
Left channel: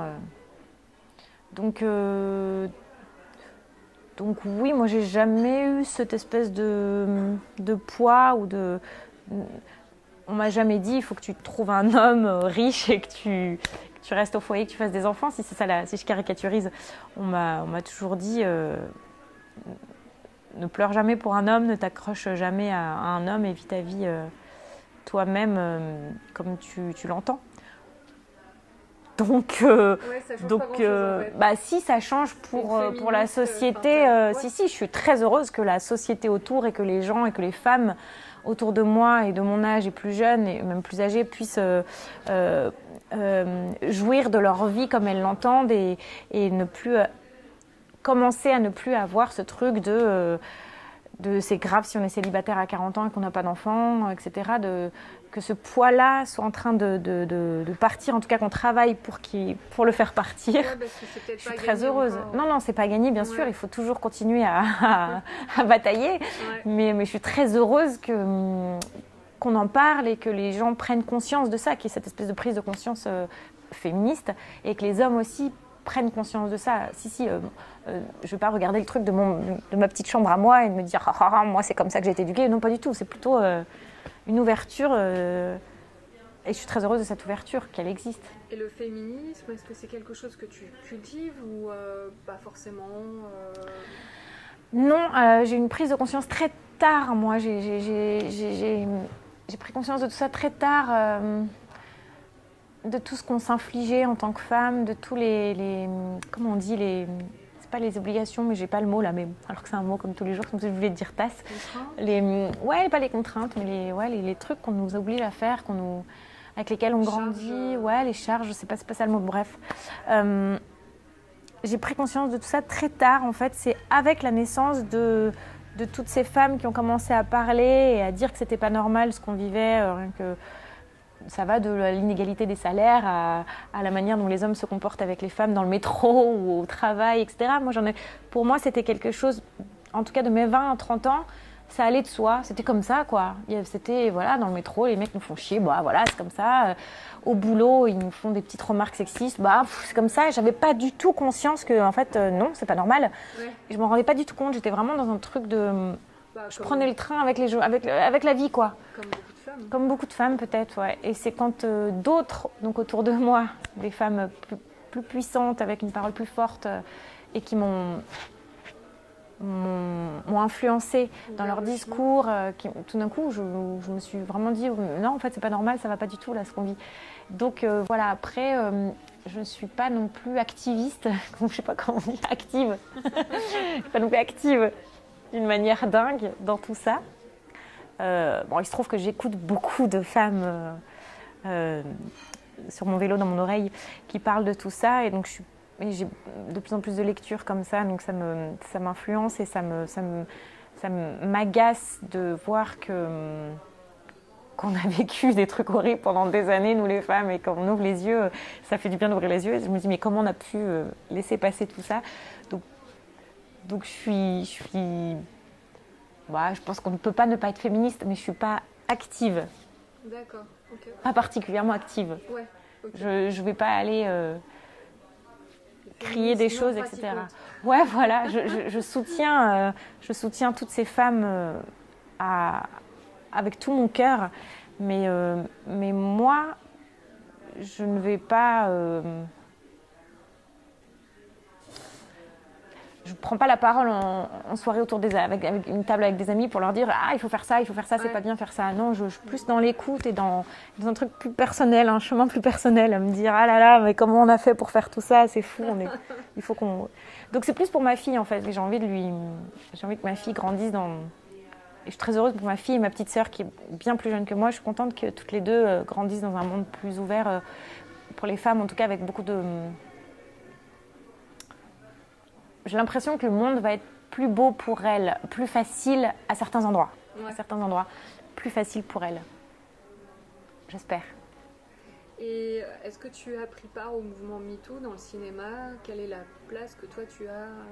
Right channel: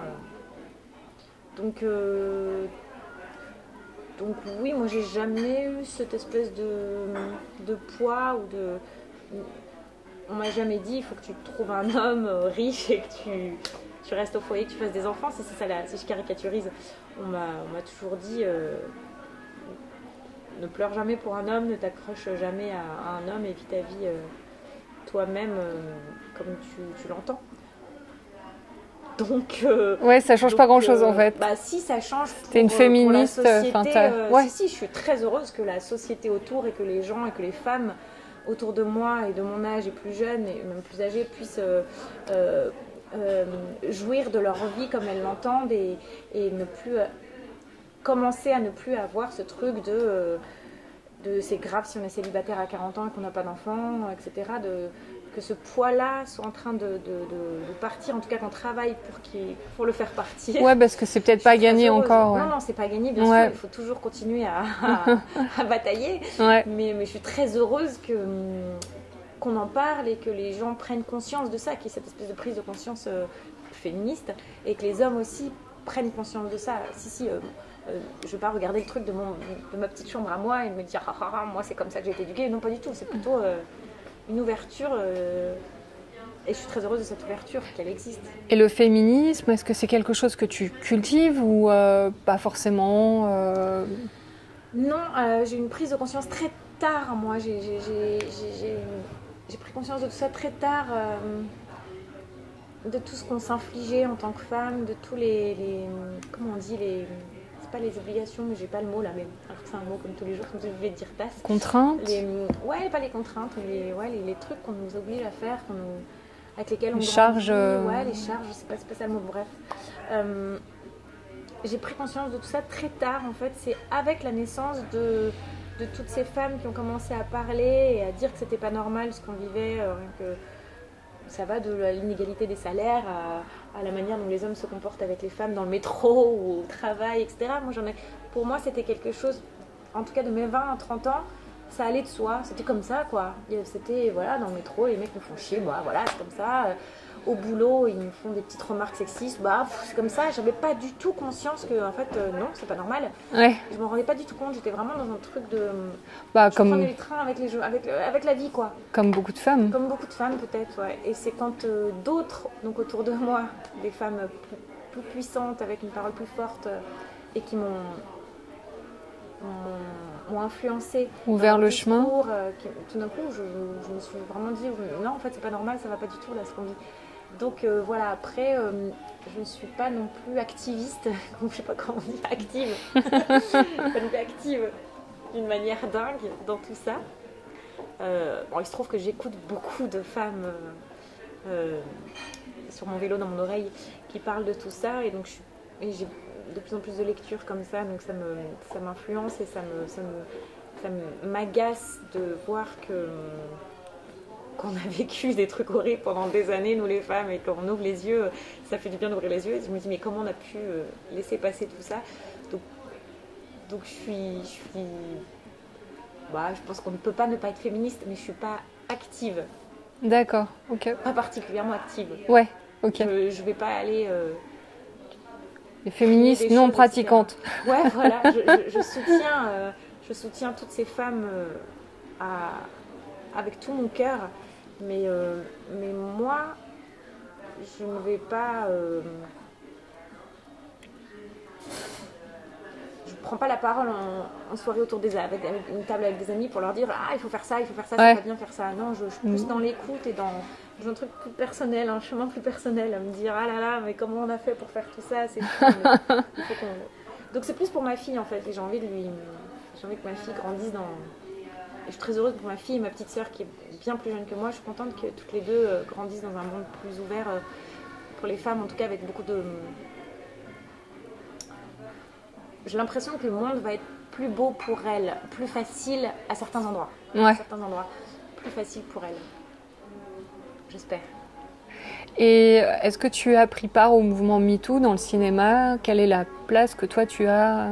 Donc oui, moi, j'ai jamais eu cette espèce de poids ou de... On m'a jamais dit il faut que tu trouves un homme riche et que tu restes au foyer, que tu fasses des enfants. Si c'est ça, si je caricaturise, on m'a toujours dit ne pleure jamais pour un homme, ne t'accroche jamais à un homme et vis ta vie toi-même comme tu l'entends. Donc ouais, ça change pas grand-chose en fait. Bah si, ça change T'es une féministe, pour la société. ouais. Si, je suis très heureuse que la société autour et que les gens et que les femmes autour de moi et de mon âge et plus jeunes et même plus âgées puissent jouir de leur vie comme elles l'entendent et ne plus commencer à ne plus avoir ce truc de c'est grave si on est célibataire à 40 ans et qu'on n'a pas d'enfant, etc. Que ce poids-là soit en train de partir, en tout cas qu'on travaille pour le faire partir. Ouais, parce que c'est peut-être pas gagné encore. Ouais. Non, c'est pas gagné, bien sûr, il faut toujours continuer à batailler. Ouais. Mais je suis très heureuse qu'on en parle et que les gens prennent conscience de ça, qu'il y ait cette espèce de prise de conscience féministe et que les hommes aussi prennent conscience de ça. Je ne vais pas regarder le truc de ma petite chambre à moi et me dire moi c'est comme ça que j'ai été éduquée. Non, pas du tout, c'est plutôt une ouverture et je suis très heureuse de cette ouverture, qu'elle existe. Et le féminisme, est-ce que c'est quelque chose que tu cultives ou pas forcément Non, j'ai une prise de conscience très tard, moi. J'ai pris conscience de tout ça très tard, de tout ce qu'on s'infligeait en tant que femme, de tous les comment on dit, c'est pas les obligations, mais j'ai pas le mot là, mais alors que c'est un mot comme tous les jours, comme je voulais dire tasse. Contraintes. Ouais, pas les contraintes, mais les trucs qu'on nous oblige à faire, avec lesquels on grandit. Ouais, les charges, c'est pas ça le mot, bref. J'ai pris conscience de tout ça très tard, en fait. C'est avec la naissance de toutes ces femmes qui ont commencé à parler et à dire que c'était pas normal ce qu'on vivait, que ça va de l'inégalité des salaires à la manière dont les hommes se comportent avec les femmes dans le métro ou au travail, etc. Pour moi, c'était quelque chose, en tout cas de mes 20 à 30 ans, ça allait de soi, c'était comme ça, quoi. C'était, voilà, dans le métro, les mecs me font chier, bah voilà, c'est comme ça. Au boulot, ils me font des petites remarques sexistes, bah c'est comme ça. Et j'avais pas du tout conscience que, en fait, non, c'est pas normal. Ouais. Je m'en rendais pas du tout compte, j'étais vraiment dans un truc de... je prenais le train avec la vie, quoi. Comme beaucoup de femmes. Comme beaucoup de femmes, peut-être, ouais. Et c'est quand d'autres, donc autour de moi, des femmes plus puissantes, avec une parole plus forte, et qui m'ont influencé, ouvert le chemin. Tout d'un coup, je me suis vraiment dit non, en fait, c'est pas normal, ça va pas du tout là ce qu'on vit. Donc voilà, après, je suis pas non plus activiste, je sais pas comment on dit, active, pas non plus active d'une manière dingue dans tout ça. Il se trouve que j'écoute beaucoup de femmes sur mon vélo, dans mon oreille, qui parlent de tout ça, et donc j'ai de plus en plus de lectures comme ça, donc ça m'influence et ça m'agace de voir qu'on a vécu des trucs horribles pendant des années, nous les femmes, et quand on ouvre les yeux, ça fait du bien d'ouvrir les yeux. Et je me dis, mais comment on a pu laisser passer tout ça ? Donc je suis Bah, je pense qu'on ne peut pas ne pas être féministe, mais je ne suis pas active. D'accord, ok. Pas particulièrement active. Ouais, ok. Je ne vais pas aller... Les féministes des non choses, pratiquantes. etc. Ouais, voilà. Je soutiens toutes ces femmes avec tout mon cœur. Mais moi, je ne vais pas... je ne prends pas la parole en soirée avec une table avec des amis pour leur dire « Ah, il faut faire ça, c'est pas bien faire ça ». Non, je suis plus dans l'écoute et dans un truc plus personnel, un chemin plus personnel, à me dire « Ah là là, mais comment on a fait pour faire tout ça, c'est fou. » Il faut qu'on... Donc c'est plus pour ma fille en fait, j'ai envie que ma fille grandisse dans... Et je suis très heureuse pour ma fille et ma petite sœur qui est bien plus jeune que moi. Je suis contente que toutes les deux grandissent dans un monde plus ouvert pour les femmes, en tout cas avec beaucoup de... J'ai l'impression que le monde va être plus beau pour elles, plus facile à certains endroits. Ouais. À certains endroits, plus facile pour elles. J'espère. Et est-ce que tu as pris part au mouvement MeToo dans le cinéma? Quelle est la place que toi tu as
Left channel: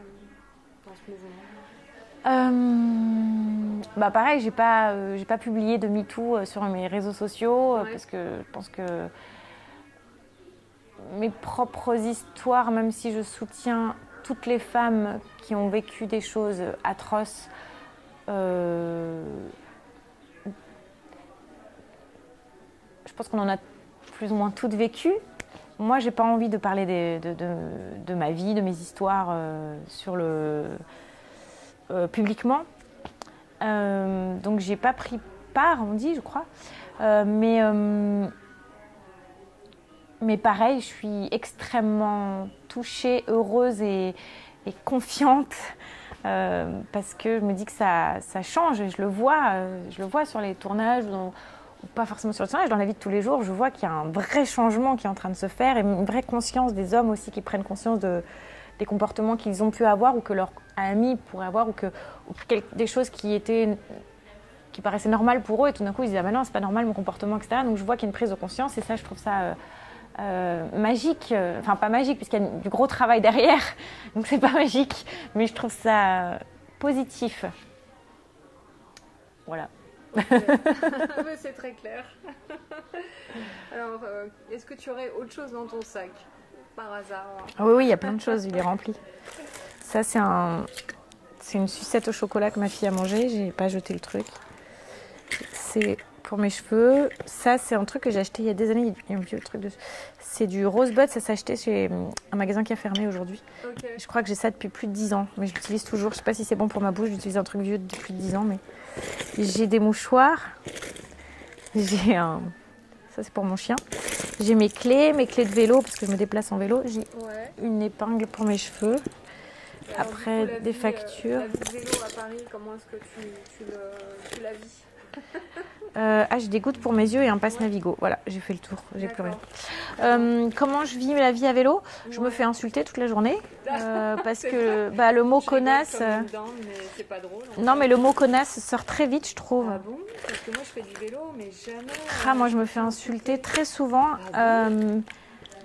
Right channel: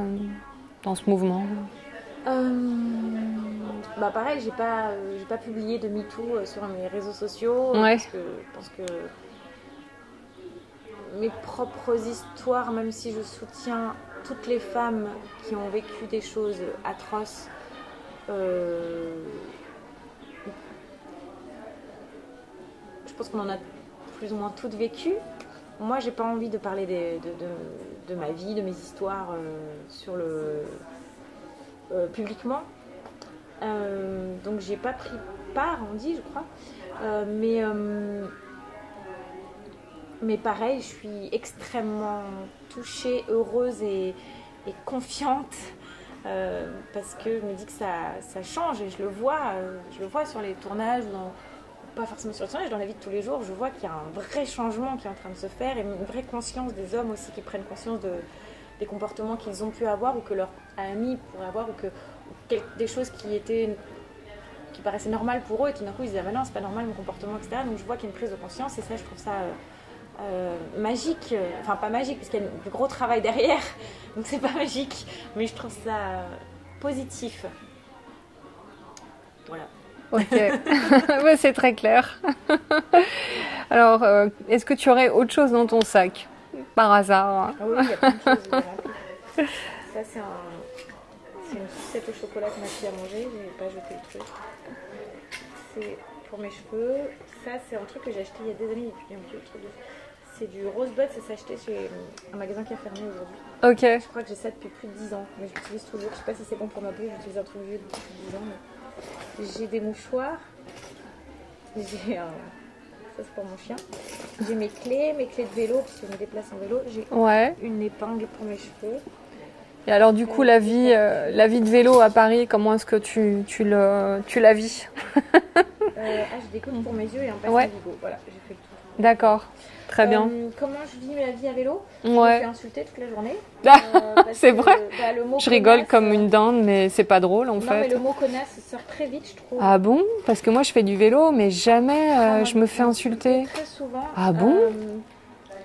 dans ce mouvement? Bah pareil, j'ai pas publié de MeToo sur mes réseaux sociaux parce que je pense que mes propres histoires, même si je soutiens toutes les femmes qui ont vécu des choses atroces, je pense qu'on en a plus ou moins toutes vécues. Moi, j'ai pas envie de parler de ma vie, de mes histoires publiquement. Donc, j'ai pas pris part, on dit, je crois. Mais pareil, je suis extrêmement touchée, heureuse et confiante parce que je me dis que ça change et je le vois sur les tournages, pas forcément sur le tournage, dans la vie de tous les jours, je vois qu'il y a un vrai changement qui est en train de se faire et une vraie conscience des hommes aussi qui prennent conscience des comportements qu'ils ont pu avoir ou que leurs amis pourraient avoir ou des choses qui paraissaient normales pour eux et tout d'un coup ils disent « Ah ben non, c'est pas normal mon comportement, etc. » Donc je vois qu'il y a une prise de conscience et ça, je trouve ça... magique, enfin pas magique puisqu'il y a du gros travail derrière, donc c'est pas magique, mais je trouve ça positif. Voilà. Ok, ouais, c'est très clair. Alors, est-ce que tu aurais autre chose dans ton sac, par hasard? Oui, il y a plein de choses, il est rempli. Ça, c'est une sucette au chocolat que ma fille a mangé, j'ai pas jeté le truc. C'est pour mes cheveux. Ça, c'est un truc que j'ai acheté il y a des années. Il y a un vieux truc de... C'est du Rosebud, ça s'est acheté chez un magasin qui a fermé aujourd'hui. Ok. Je crois que j'ai ça depuis plus de 10 ans, mais je l'utilise toujours. Je sais pas si c'est bon pour ma bouche, j'utilise un truc vieux depuis plus de 10 ans, mais j'ai des mouchoirs. Ça, c'est pour mon chien. J'ai mes clés de vélo, parce que je me déplace en vélo. J'ai une épingle pour mes cheveux. Et alors, du coup, la vie de vélo à Paris, comment est-ce que tu la vis? J'ai des gouttes pour mes yeux et un passe Navigo. Voilà, j'ai fait le tour. D'accord, très bien. Comment je vis la vie à vélo? Je me fais insulter toute la journée. C'est vrai. Le mot je rigole comme une dinde, mais c'est pas drôle en fait. Non, mais le mot connasse sort très vite, je trouve. Ah bon? Parce que moi, je fais du vélo, mais jamais moi, je me fais insulter. Très souvent. Ah bon?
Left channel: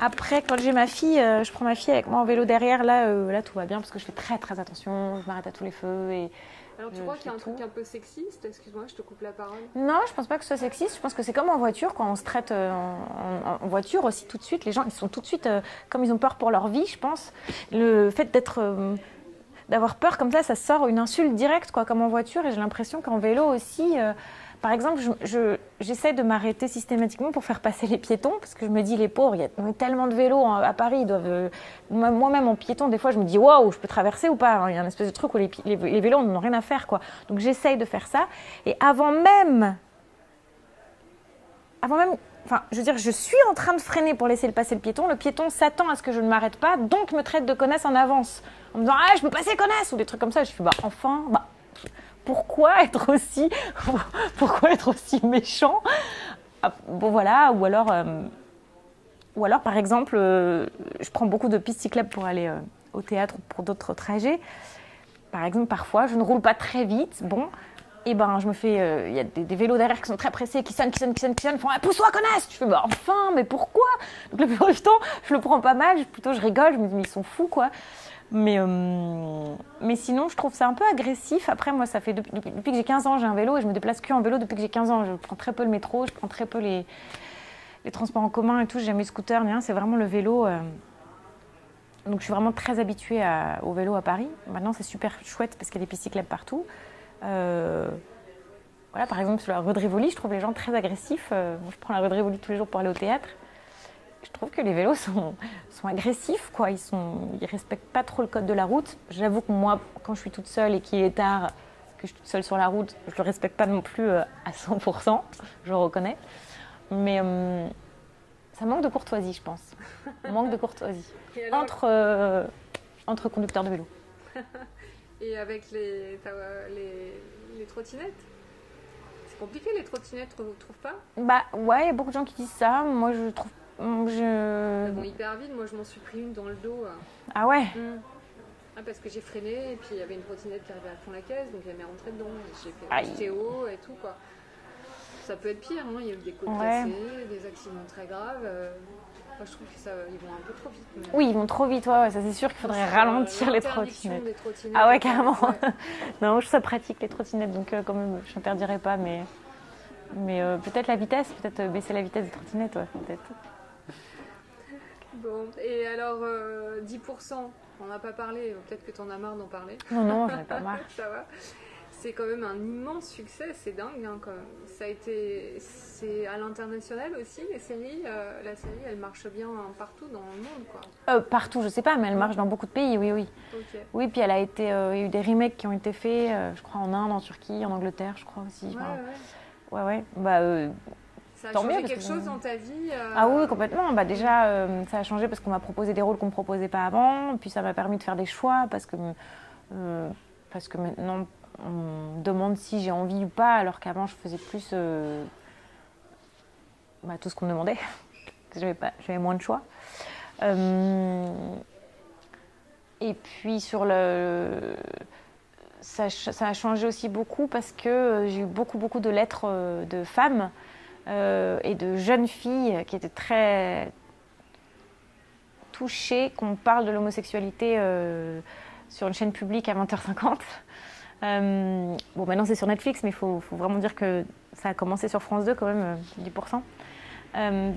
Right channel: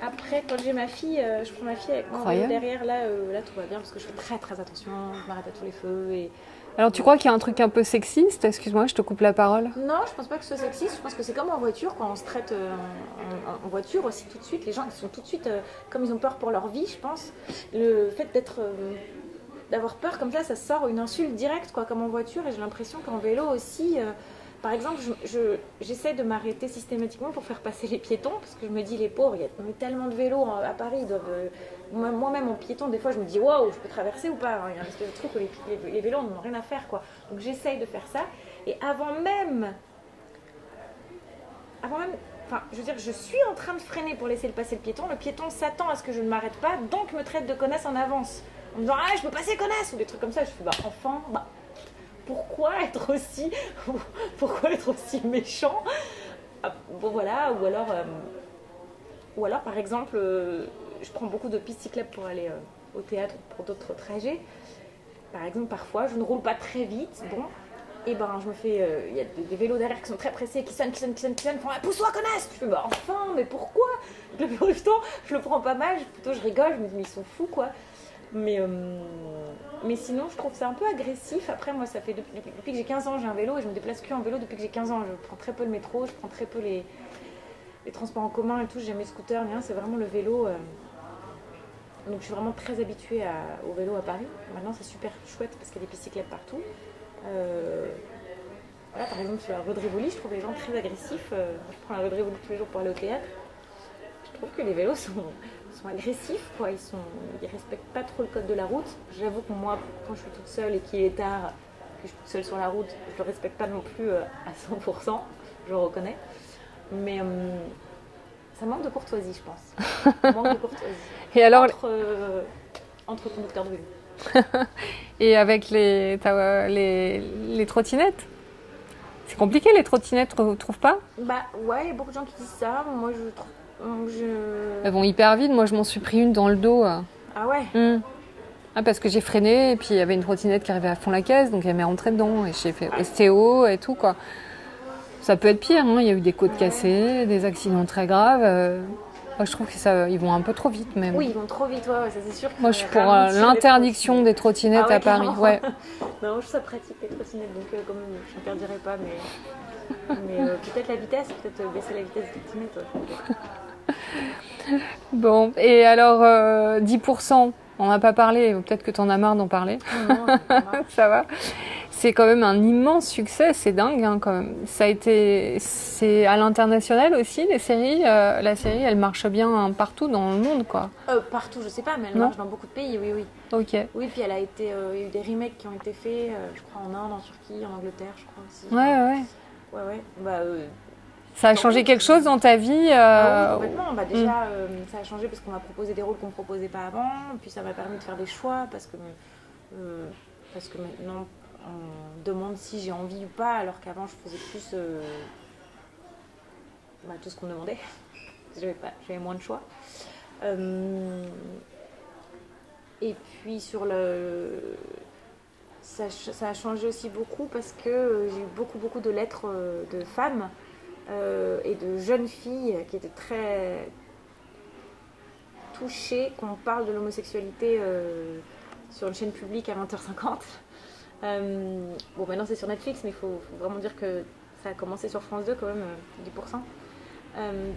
Après, quand j'ai ma fille, je prends ma fille avec moi en vélo derrière. Là, tout va bien parce que je fais très très attention. Je m'arrête à tous les feux et... Alors, tu crois qu'il y a un truc un peu sexiste? Excuse-moi, je te coupe la parole. Non, je pense pas que ce soit sexiste. Je pense que c'est comme en voiture, quand on se traite en voiture aussi tout de suite. Les gens, ils sont tout de suite, comme ils ont peur pour leur vie, je pense. Le fait d'avoir peur comme ça sort une insulte directe, quoi, comme en voiture. Et j'ai l'impression qu'en vélo aussi... Par exemple, j'essaie de m'arrêter systématiquement pour faire passer les piétons, parce que je me dis, les pauvres, il y a tellement de vélos à Paris, ils doivent... Moi-même, en piéton, des fois, je me dis, waouh, je peux traverser ou pas? Alors, il y a un espèce de truc où les vélos n'ont rien à faire, quoi. Donc, j'essaye de faire ça. Et avant même... Enfin, je veux dire, je suis en train de freiner pour laisser passer le piéton s'attend à ce que je ne m'arrête pas, donc me traite de connasse en avance. En me disant, ah, je peux passer connasse, ou des trucs comme ça. Je fais, pourquoi être aussi méchant? Bon voilà, ou alors par exemple, je prends beaucoup de pistes cyclables pour aller au théâtre ou pour d'autres trajets. Par exemple, parfois, je ne roule pas très vite, et je me fais, il y a des vélos derrière qui sont très pressés, qui sonnent, font « pousse-toi, connasse !» Je fais « enfin, mais pourquoi ?» Donc le plus du temps, je le prends pas mal, je rigole, je me dis « mais ils sont fous, quoi !» Mais sinon, je trouve ça un peu agressif. Après, moi, ça fait depuis que j'ai 15 ans, j'ai un vélo et je me déplace que en vélo depuis que j'ai 15 ans. Je prends très peu le métro, je prends très peu les transports en commun et tout. J'ai jamais eu scooter, ni rien. C'est vraiment le vélo. Donc, je suis vraiment très habituée au vélo à Paris. Maintenant, c'est super chouette parce qu'il y a des pistes cyclables partout. Voilà, par exemple, sur la rue de Rivoli, je trouve les gens très agressifs. Je prends la rue de Rivoli tous les jours pour aller au théâtre. Je trouve que les vélos sont agressifs, quoi. Ils respectent pas trop le code de la route. J'avoue que moi, quand je suis toute seule et qu'il est tard, que je suis toute seule sur la route, je le respecte pas non plus à 100%, je le reconnais. Mais ça manque de courtoisie, je pense. Ça manque de courtoisie. Et alors, entre conducteurs de vélo. et avec les trottinettes, c'est compliqué les trottinettes, tu trouves pas? Bah ouais, il y a beaucoup de gens qui disent ça. Moi, je trouve. Elles vont hyper vite. Moi, je m'en suis pris une dans le dos. Ah ouais. Ah, parce que j'ai freiné et puis il y avait une trottinette qui arrivait à fond la caisse, donc elle m'est rentrée dedans et j'ai fait ostéo et tout, quoi. Ça peut être pire, hein. Il y a eu des côtes cassées, des accidents très graves. Moi, je trouve que ils vont un peu trop vite même. Oui, ils vont trop vite, ouais, ça c'est sûr. Moi, je suis pour l'interdiction des trottinettes à Paris. Ouais. Non, moi, je suis pratique les trottinettes, donc quand même, je n'interdirais pas, mais peut-être la vitesse, peut-être baisser la vitesse des trottinettes. Ouais. Bon, et alors 10%, on n'a pas parlé, peut-être que tu en as marre d'en parler. Non, ça va. C'est quand même un immense succès, c'est dingue hein, quand même. C'est à l'international aussi, les séries. La série, elle marche bien partout dans le monde, quoi. Partout, je sais pas, mais elle marche dans beaucoup de pays, oui. Ok. Oui, puis il y a eu des remakes qui ont été faits, je crois en Inde, en Turquie, en Angleterre, je crois aussi. Ouais. Bah, ça a changé quelque chose dans ta vie Ah oui, complètement. Bah, déjà, ça a changé parce qu'on m'a proposé des rôles qu'on ne me proposait pas avant. Puis ça m'a permis de faire des choix parce que maintenant, on me demande si j'ai envie ou pas, alors qu'avant, je faisais plus tout ce qu'on me demandait. J'avais moins de choix. Et puis, ça a changé aussi beaucoup parce que j'ai eu beaucoup de lettres de femmes et de jeunes filles qui étaient très touchées qu'on parle de l'homosexualité sur une chaîne publique à 20h50. Bon, maintenant c'est sur Netflix, mais il faut vraiment dire que ça a commencé sur France 2 quand même, 10%.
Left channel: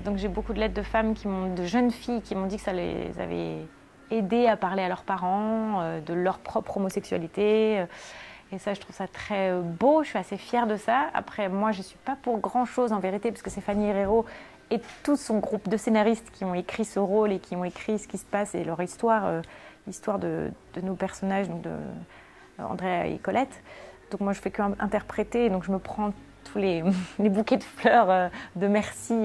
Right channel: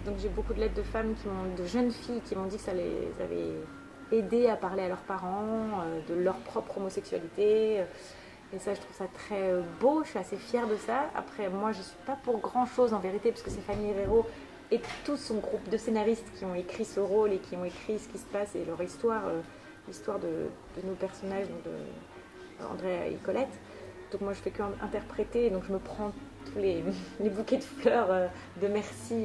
Donc j'ai beaucoup de lettres de femmes, de jeunes filles qui m'ont dit que ça les avait aidées à parler à leurs parents de leur propre homosexualité. Et ça, je trouve ça très beau, je suis assez fière de ça. Après, moi, je ne suis pas pour grand-chose en vérité, parce que c'est Fanny Herrero et tout son groupe de scénaristes qui ont écrit ce rôle et qui ont écrit ce qui se passe et leur histoire, l'histoire de nos personnages, donc de Andrea et Colette. Donc moi, je fais qu'interpréter, donc je me prends tous les bouquets de fleurs de merci.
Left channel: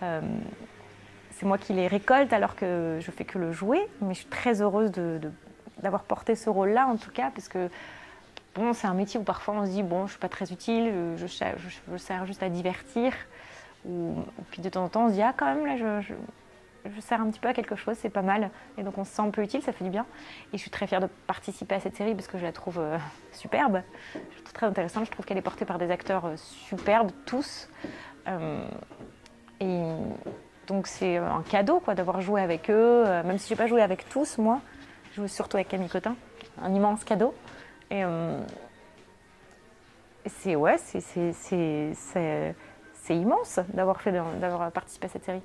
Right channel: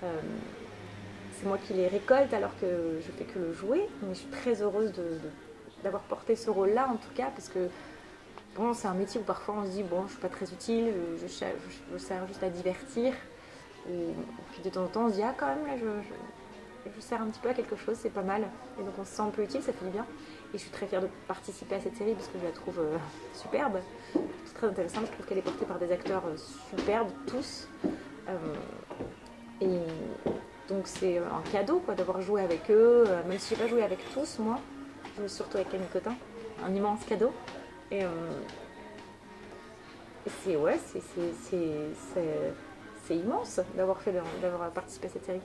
C'est moi qui les récolte alors que je fais que le jouer, mais je suis très heureuse d'avoir porté ce rôle-là en tout cas, parce que bon, c'est un métier où parfois on se dit bon, je ne suis pas très utile, je sers juste à divertir. Puis de temps en temps, on se dit ah quand même là, je sers un petit peu à quelque chose, c'est pas mal. Et donc on se sent un peu utile, ça fait du bien. Et je suis très fière de participer à cette série parce que je la trouve superbe. Je la trouve très intéressante, je trouve qu'elle est portée par des acteurs superbes, tous. Et donc c'est un cadeau quoi, d'avoir joué avec eux, même si je n'ai pas joué avec tous, moi. Je joue surtout avec Camille Cotin, un immense cadeau. Et c'est immense d'avoir participé à cette série.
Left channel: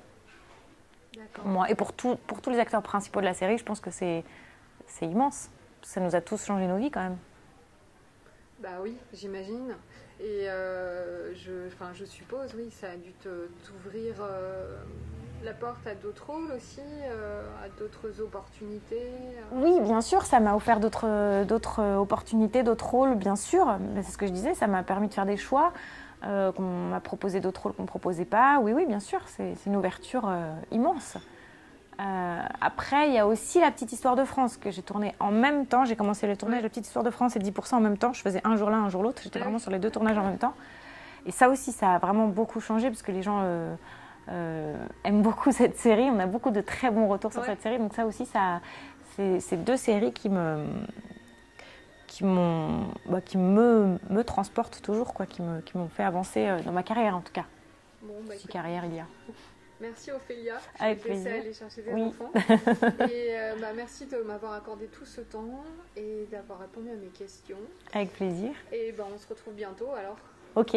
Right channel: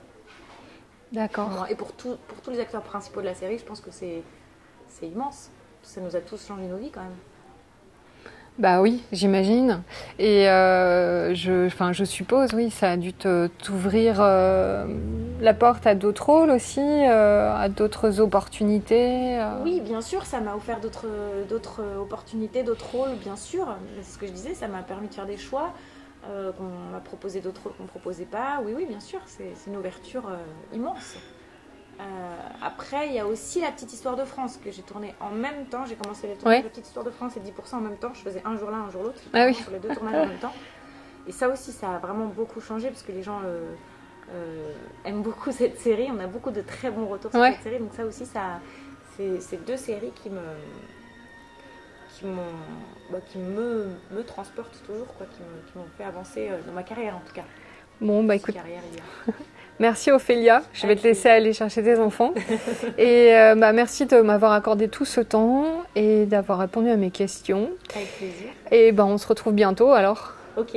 D'accord. Et pour tous les acteurs principaux de la série, je pense que c'est immense. Ça nous a tous changé nos vies quand même. Bah oui, j'imagine. Et je suppose, oui, ça a dû t'ouvrir la porte à d'autres rôles aussi, à d'autres opportunités. Oui, bien sûr, ça m'a offert d'autres opportunités, d'autres rôles, bien sûr. Mais c'est ce que je disais, ça m'a permis de faire des choix, qu'on m'a proposé d'autres rôles qu'on ne me proposait pas. Oui, bien sûr, c'est une ouverture immense. Après, il y a aussi La Petite Histoire de France que j'ai tournée en même temps. J'ai commencé le tournage de La Petite Histoire de France et 10% en même temps. Je faisais un jour l'un, un jour l'autre. J'étais vraiment sur les deux tournages en même temps. Et ça aussi, ça a vraiment beaucoup changé parce que les gens aiment beaucoup cette série. On a beaucoup de très bons retours sur cette série. Donc ça aussi, c'est deux séries qui me transportent toujours, quoi, qui m'ont fait avancer dans ma carrière en tout cas. Bon, bah écoute. Carrière, il y a. Merci Ophélia, je vais te laisser aller chercher tes enfants. Et merci de m'avoir accordé tout ce temps et d'avoir répondu à mes questions. Avec plaisir. Et on se retrouve bientôt alors. Ok.